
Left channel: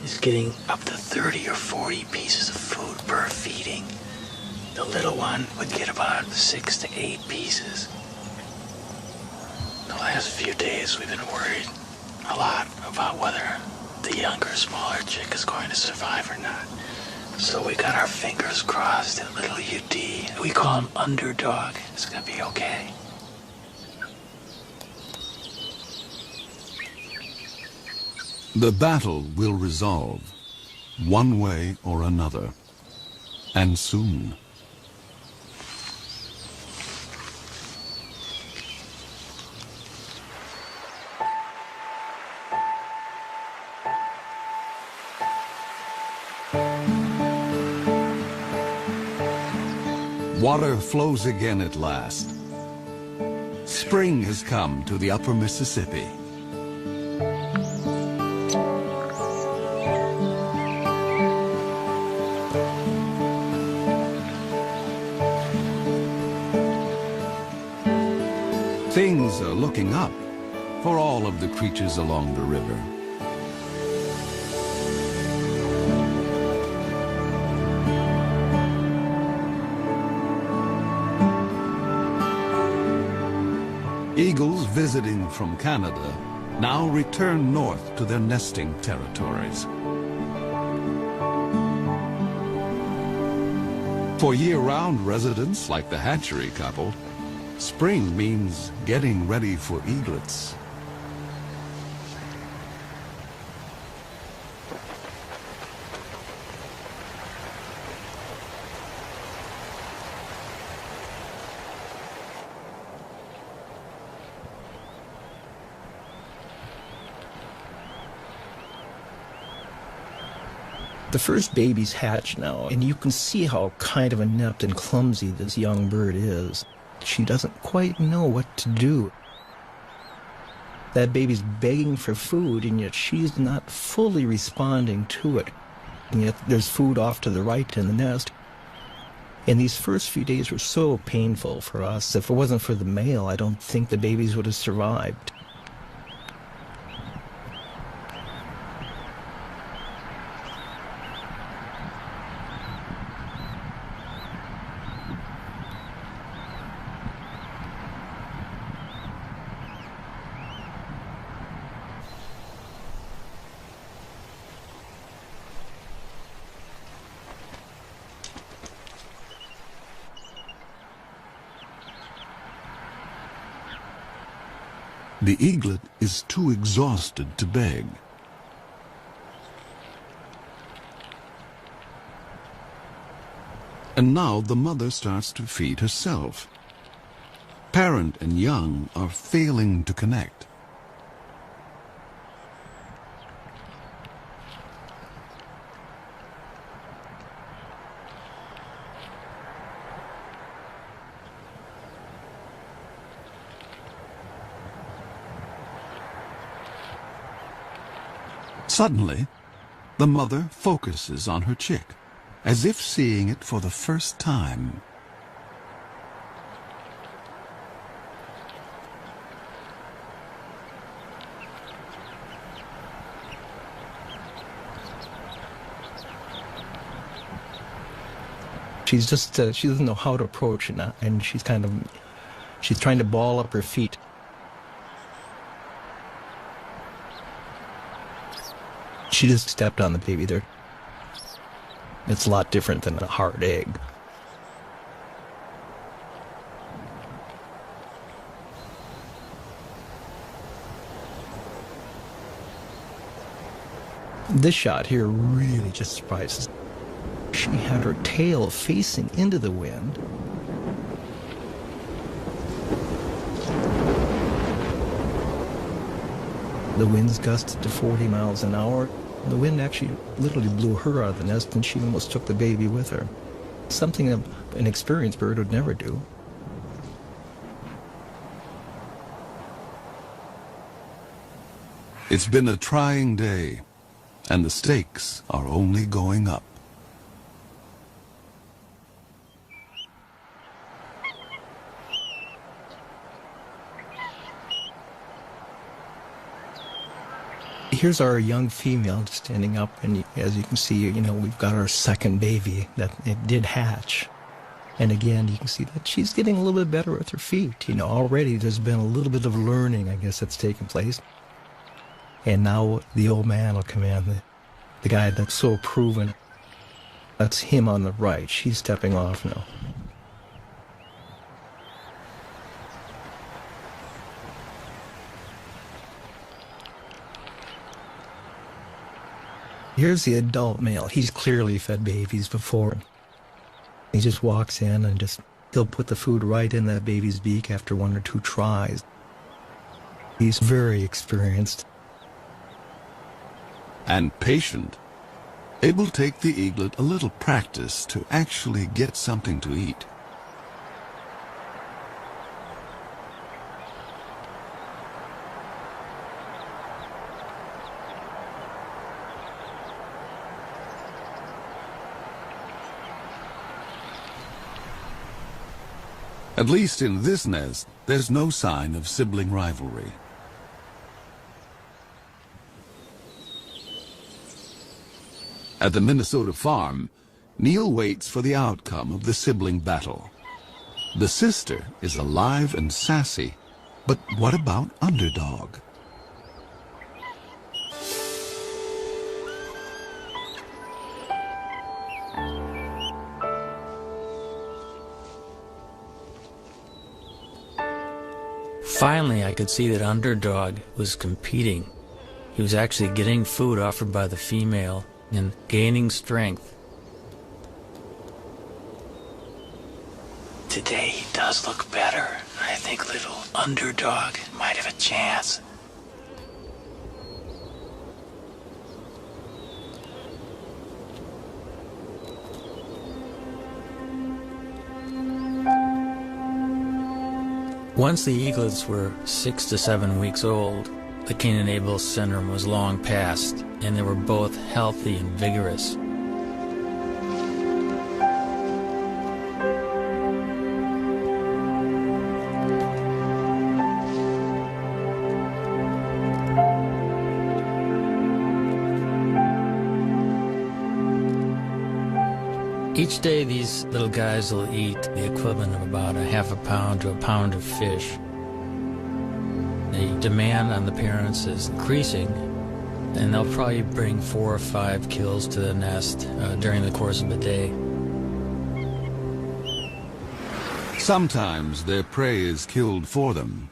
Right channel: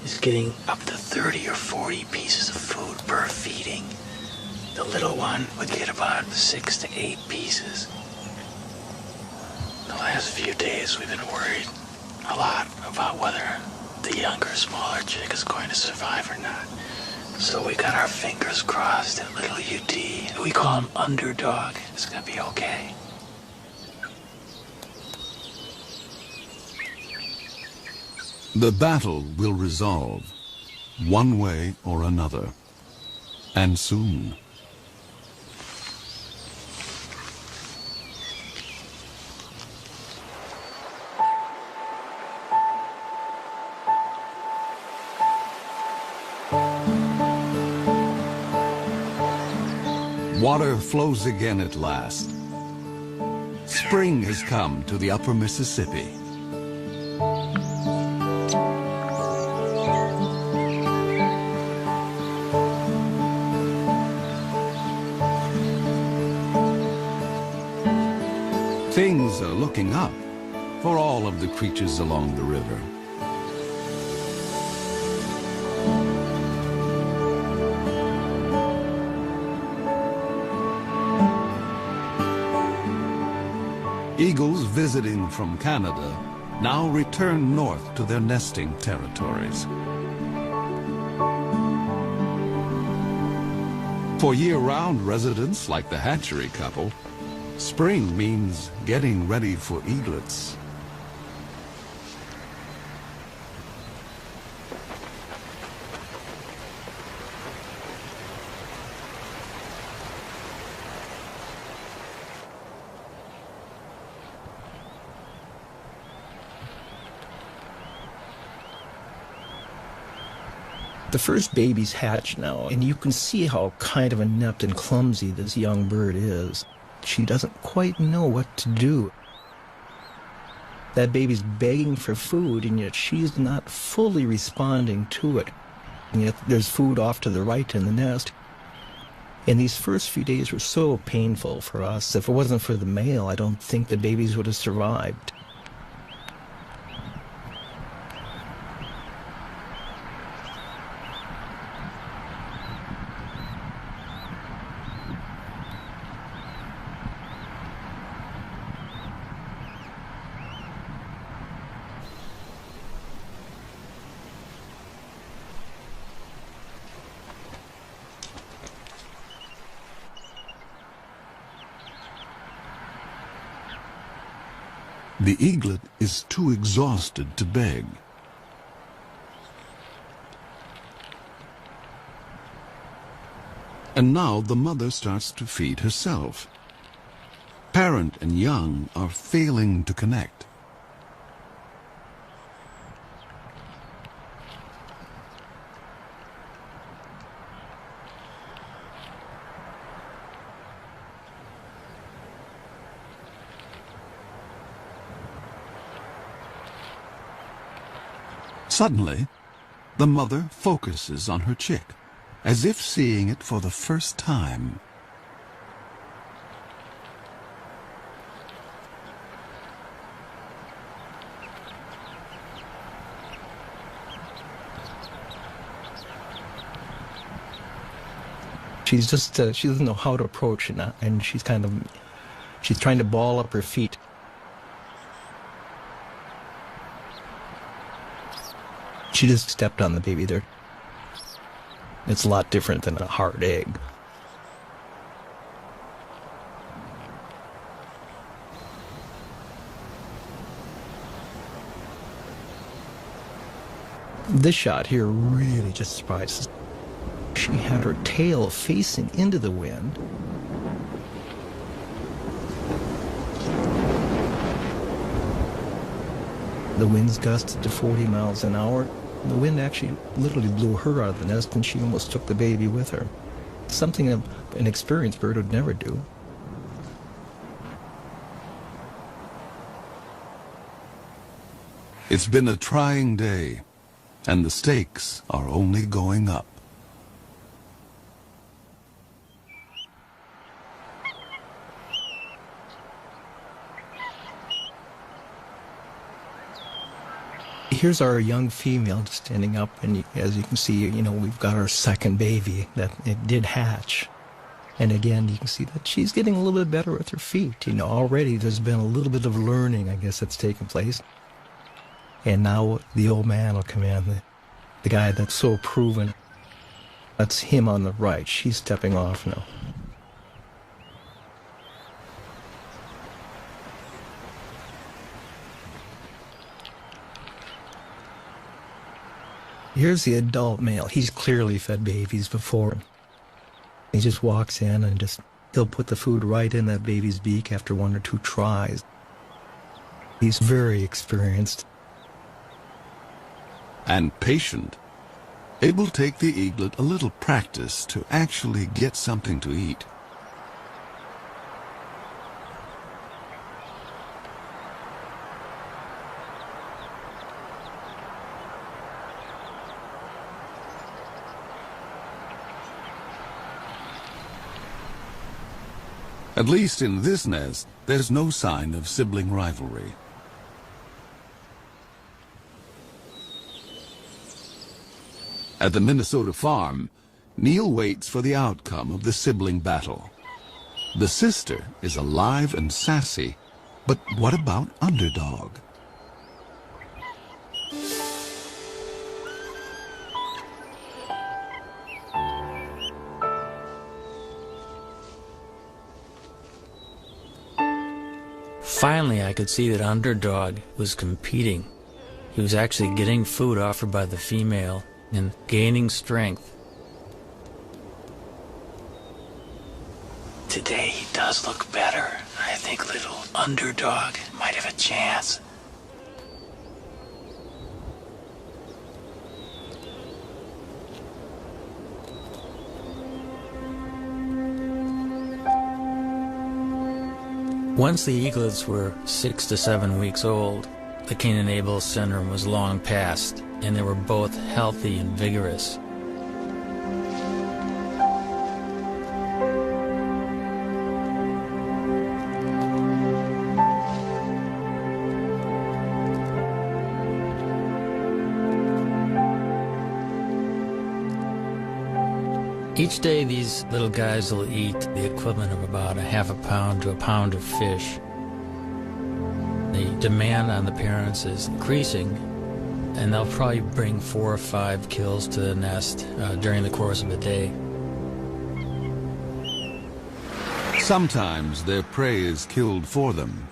is getting up to 30 or 40 pieces of food per feeding. The little one would get about 6 to 8 pieces. So I past few days we've been worried a lot about whether the younger, smaller chick is going to survive or not. So we got our fingers crossed that little UT, we call him Underdog, is going to be okay. The battle will resolve, one way or another, and soon. Water flows again at last. Spring has come to the upper Mississippi. Things are looking up for all of the creatures along the river. Eagles visiting from Canada now return north to their nesting territories. For year-round residents like the hatchery couple, spring means getting ready for eaglets. The first babies hatch now, and you can see how kind of inept and clumsy this young bird is. She doesn't quite know what to do. That baby's begging for food, and yet she's not fully responding to it. And yet there's food off to the right in the nest. And these first few days were so painful for us. If it wasn't for the male, I don't think the babies would have survived. The eaglet is too exhausted to beg. And now the mother starts to feed herself. Parent and young are failing to connect. Suddenly, the mother focuses on her chick, as if seeing it for the first time. She doesn't know how to approach it now, and she's trying to ball up her feet. She just stepped on the baby there. It's a lot different than a hard egg. This shot here really just surprises. She had her tail facing into the wind. The winds gusted to 40 miles an hour. The wind actually literally blew her out of the nest, and she almost took the baby with her. Something an experienced bird would never do. It's been a trying day, and the stakes are only going up. Here's our young female standing up, and as you can see, we've got our second baby that it did hatch. And again, you can see that she's getting a little bit better with her feet. You know, already there's been a little bit of learning, I guess, that's taken place. And now the old man will come in, the guy that's so proven. That's him on the right. She's stepping off now. Here's the adult male. He's clearly fed babies before. He just walks in and he'll put the food right in the baby's beak after 1 or 2 tries. He's very experienced. And patient. It will take the eaglet a little practice to actually get something to eat. At least in this nest, there's no sign of sibling rivalry. At the Minnesota farm, Neil waits for the outcome of the sibling battle. The sister is alive and sassy, but what about Underdog? Finally, I could see that Underdog was competing. He was actually getting food offered by the female and gaining strength. Today he does look better. I think little Underdog might have a chance. Once the eaglets were 6 to 7 weeks old, the Clean and Able Center was long past, and they were both healthy and vigorous. Each day these little guys will eat the equivalent of about a half a pound to a pound of fish. The demand on the parents is increasing, and they'll probably bring 4 or 5 kills to the nest during the course of a day. Sometimes their prey is killed for them.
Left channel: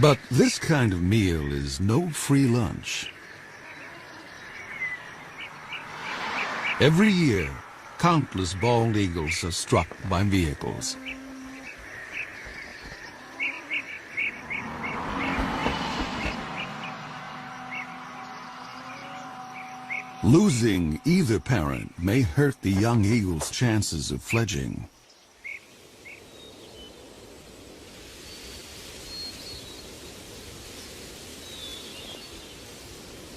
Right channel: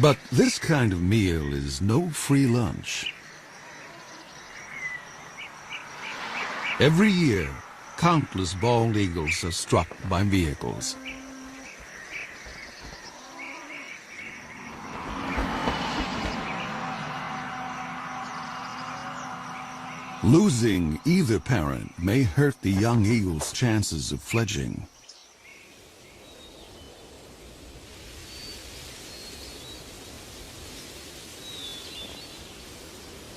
But this kind of meal is no free lunch. Every year, countless bald eagles are struck by vehicles. Losing either parent may hurt the young eagle's chances of fledging.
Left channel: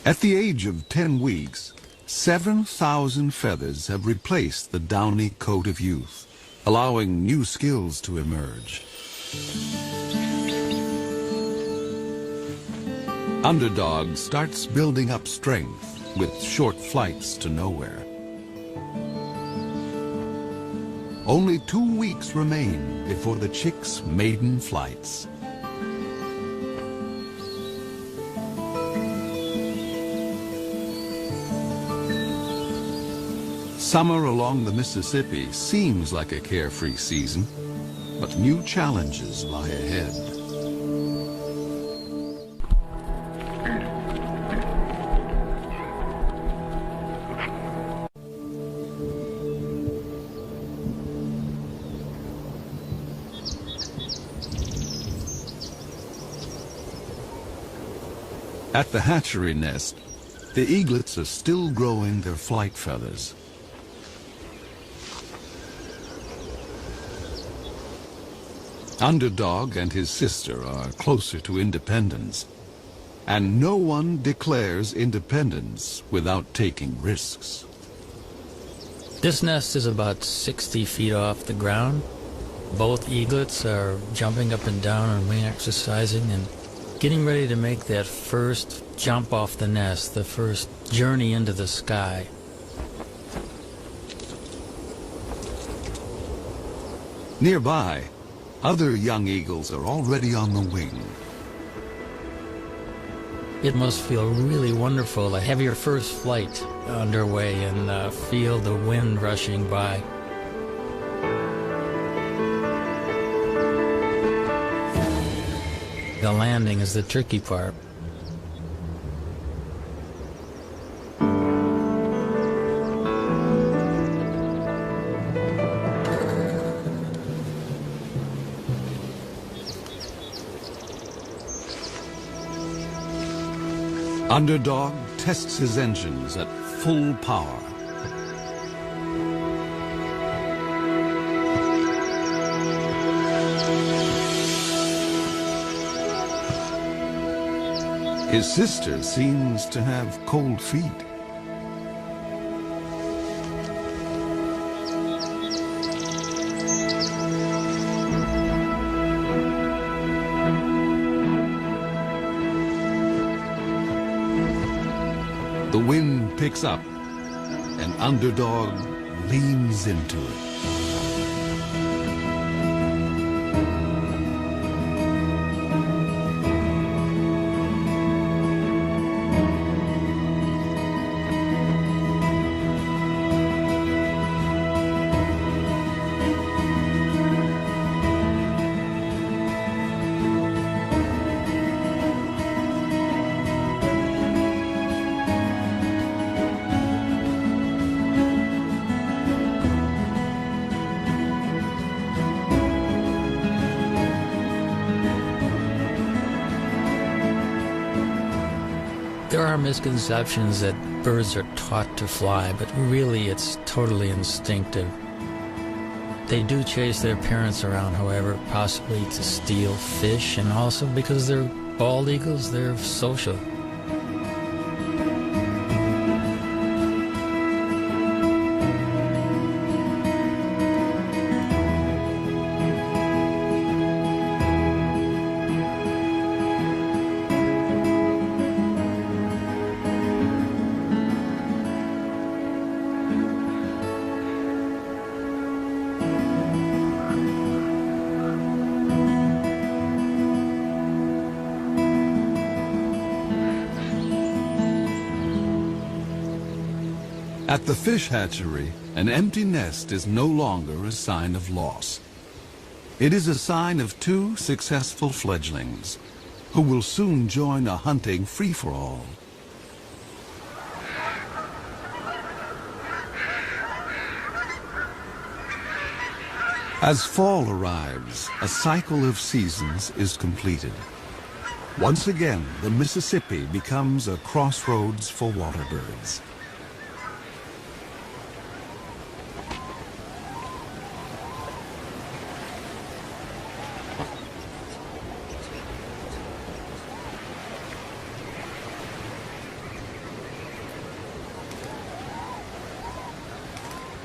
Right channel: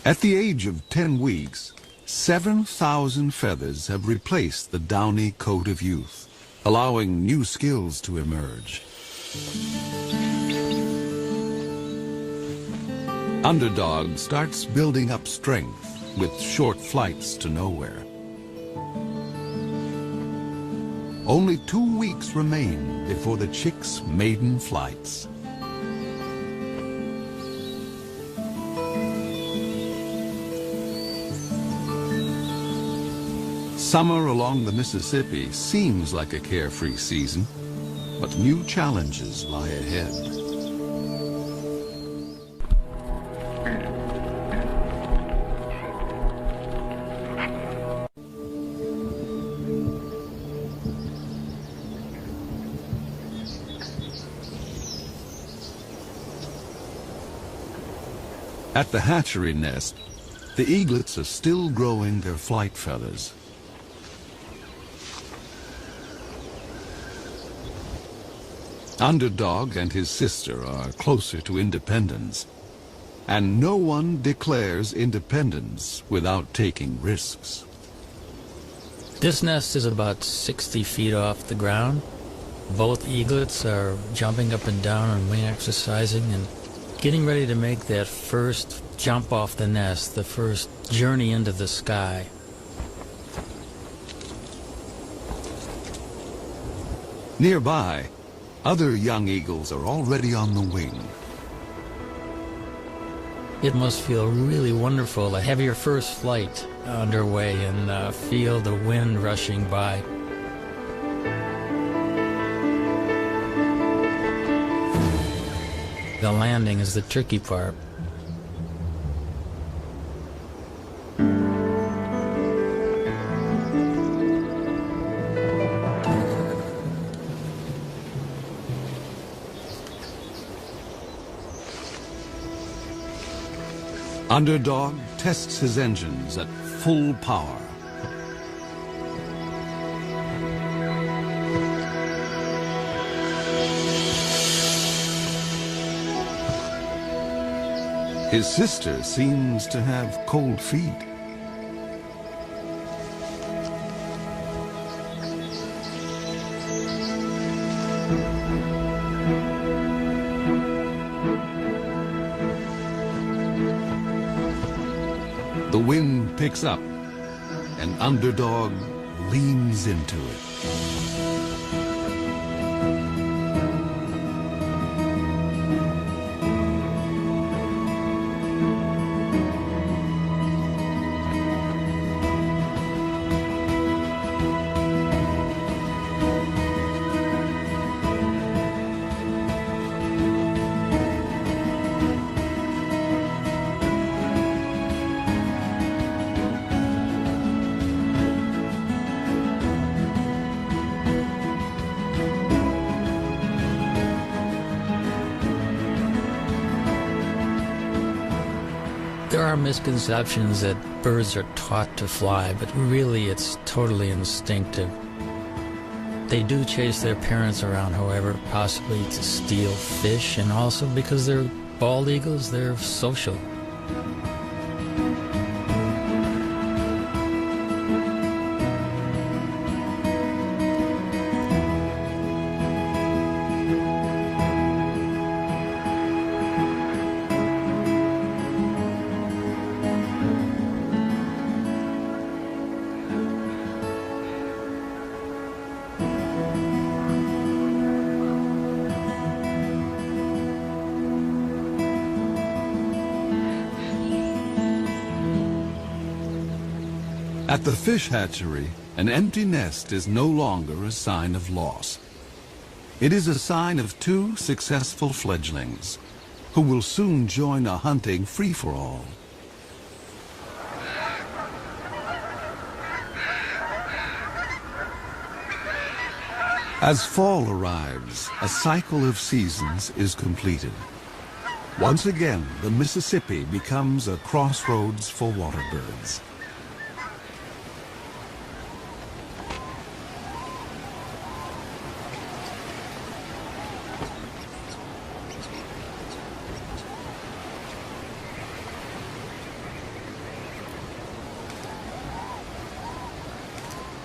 At the age of 10 weeks, 7,000 feathers have replaced the downy coat of youth, allowing new skills to emerge. Underdog starts building up strength with short flights to nowhere. Only 2 weeks remain before the chick's maiden flights. Summer along the Mississippi seems like a carefree season, but new challenges lie ahead. At the hatchery nest, the eaglets are still growing their flight feathers. Underdog and his sister are closer to independence, and no one declares independence without taking risks. This nest is about 60 feet off the ground. Both eaglets are jumping up and down on wing exercising and getting ready to make that first jump off the nest, the first journey into the sky. Nearby, other young eagles are already on the wing. It must feel really wonderful to have your first flight underway and feel the wind rushing by. The landing is the tricky part. Underdog tests his engines at full power. His sister seems to have cold feet. The wind picks up, and Underdog leans into it. There are misconceptions that birds are taught to fly, but really it's totally instinctive. They do chase their parents around, however, possibly to steal fish, and also because they're bald eagles, they're social. At the fish hatchery, an empty nest is no longer a sign of loss. It is a sign of two successful fledglings who will soon join a hunting free-for-all. As fall arrives, a cycle of seasons is completed. Once again, the Mississippi becomes a crossroads for water birds.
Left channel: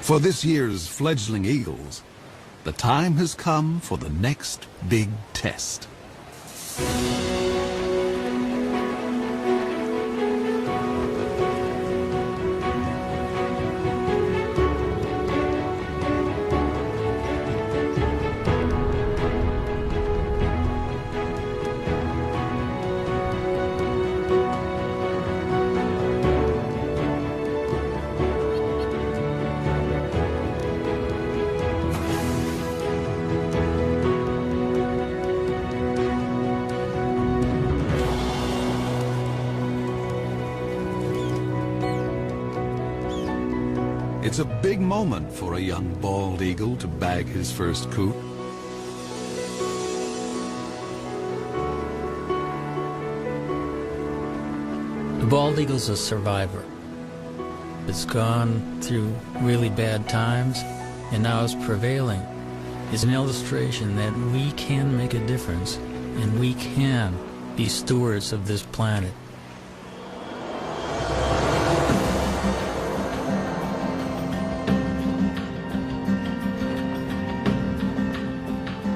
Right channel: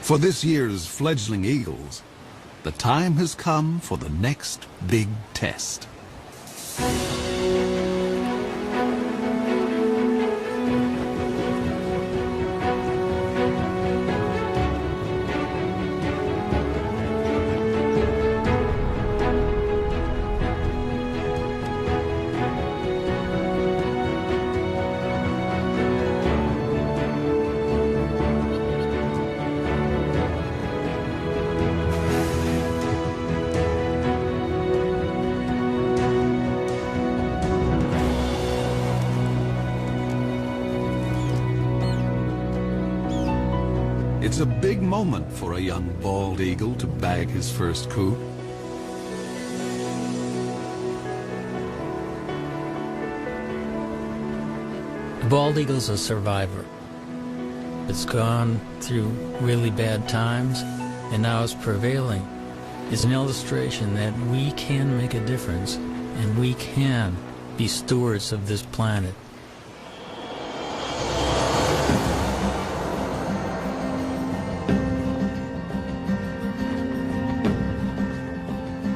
For this year's fledgling eagles, the time has come for the next big test. It's a big moment for a young bald eagle to bag his first coup. The bald eagle's a survivor. It's gone through really bad times, and now it's prevailing. It's an illustration that we can make a difference, and we can be stewards of this planet.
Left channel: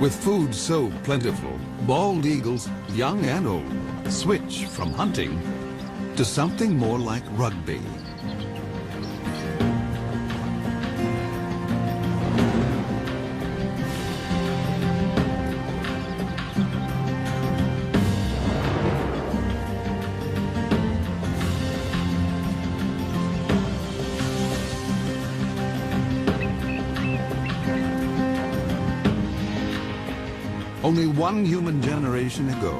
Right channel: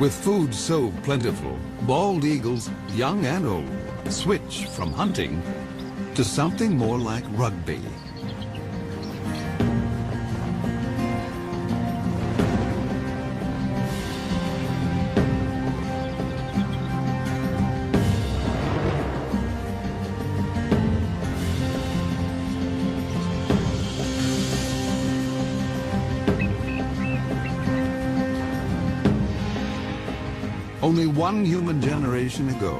With food so plentiful, bald eagles, young and old, switch from hunting to something more like rugby. only one human generation ago.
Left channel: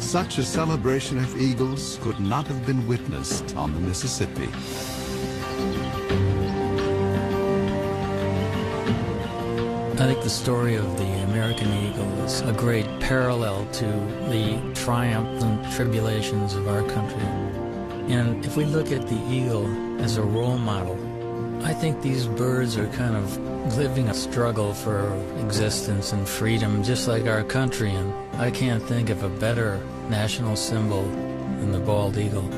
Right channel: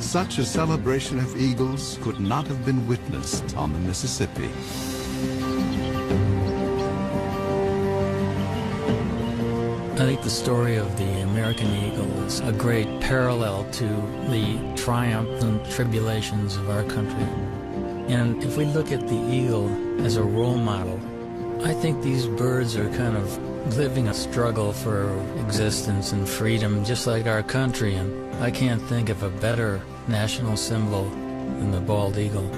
Such a celebration of eagles could not have been witnessed on the Mississippi. I think the story of the American eagle is a great parallel to the triumph and tribulations of our country. And if we look at the eagle as a role model, I think these birds are kind of living a struggle for existence and freedom, just like our country. And I can't think of a better national symbol than the bald eagle.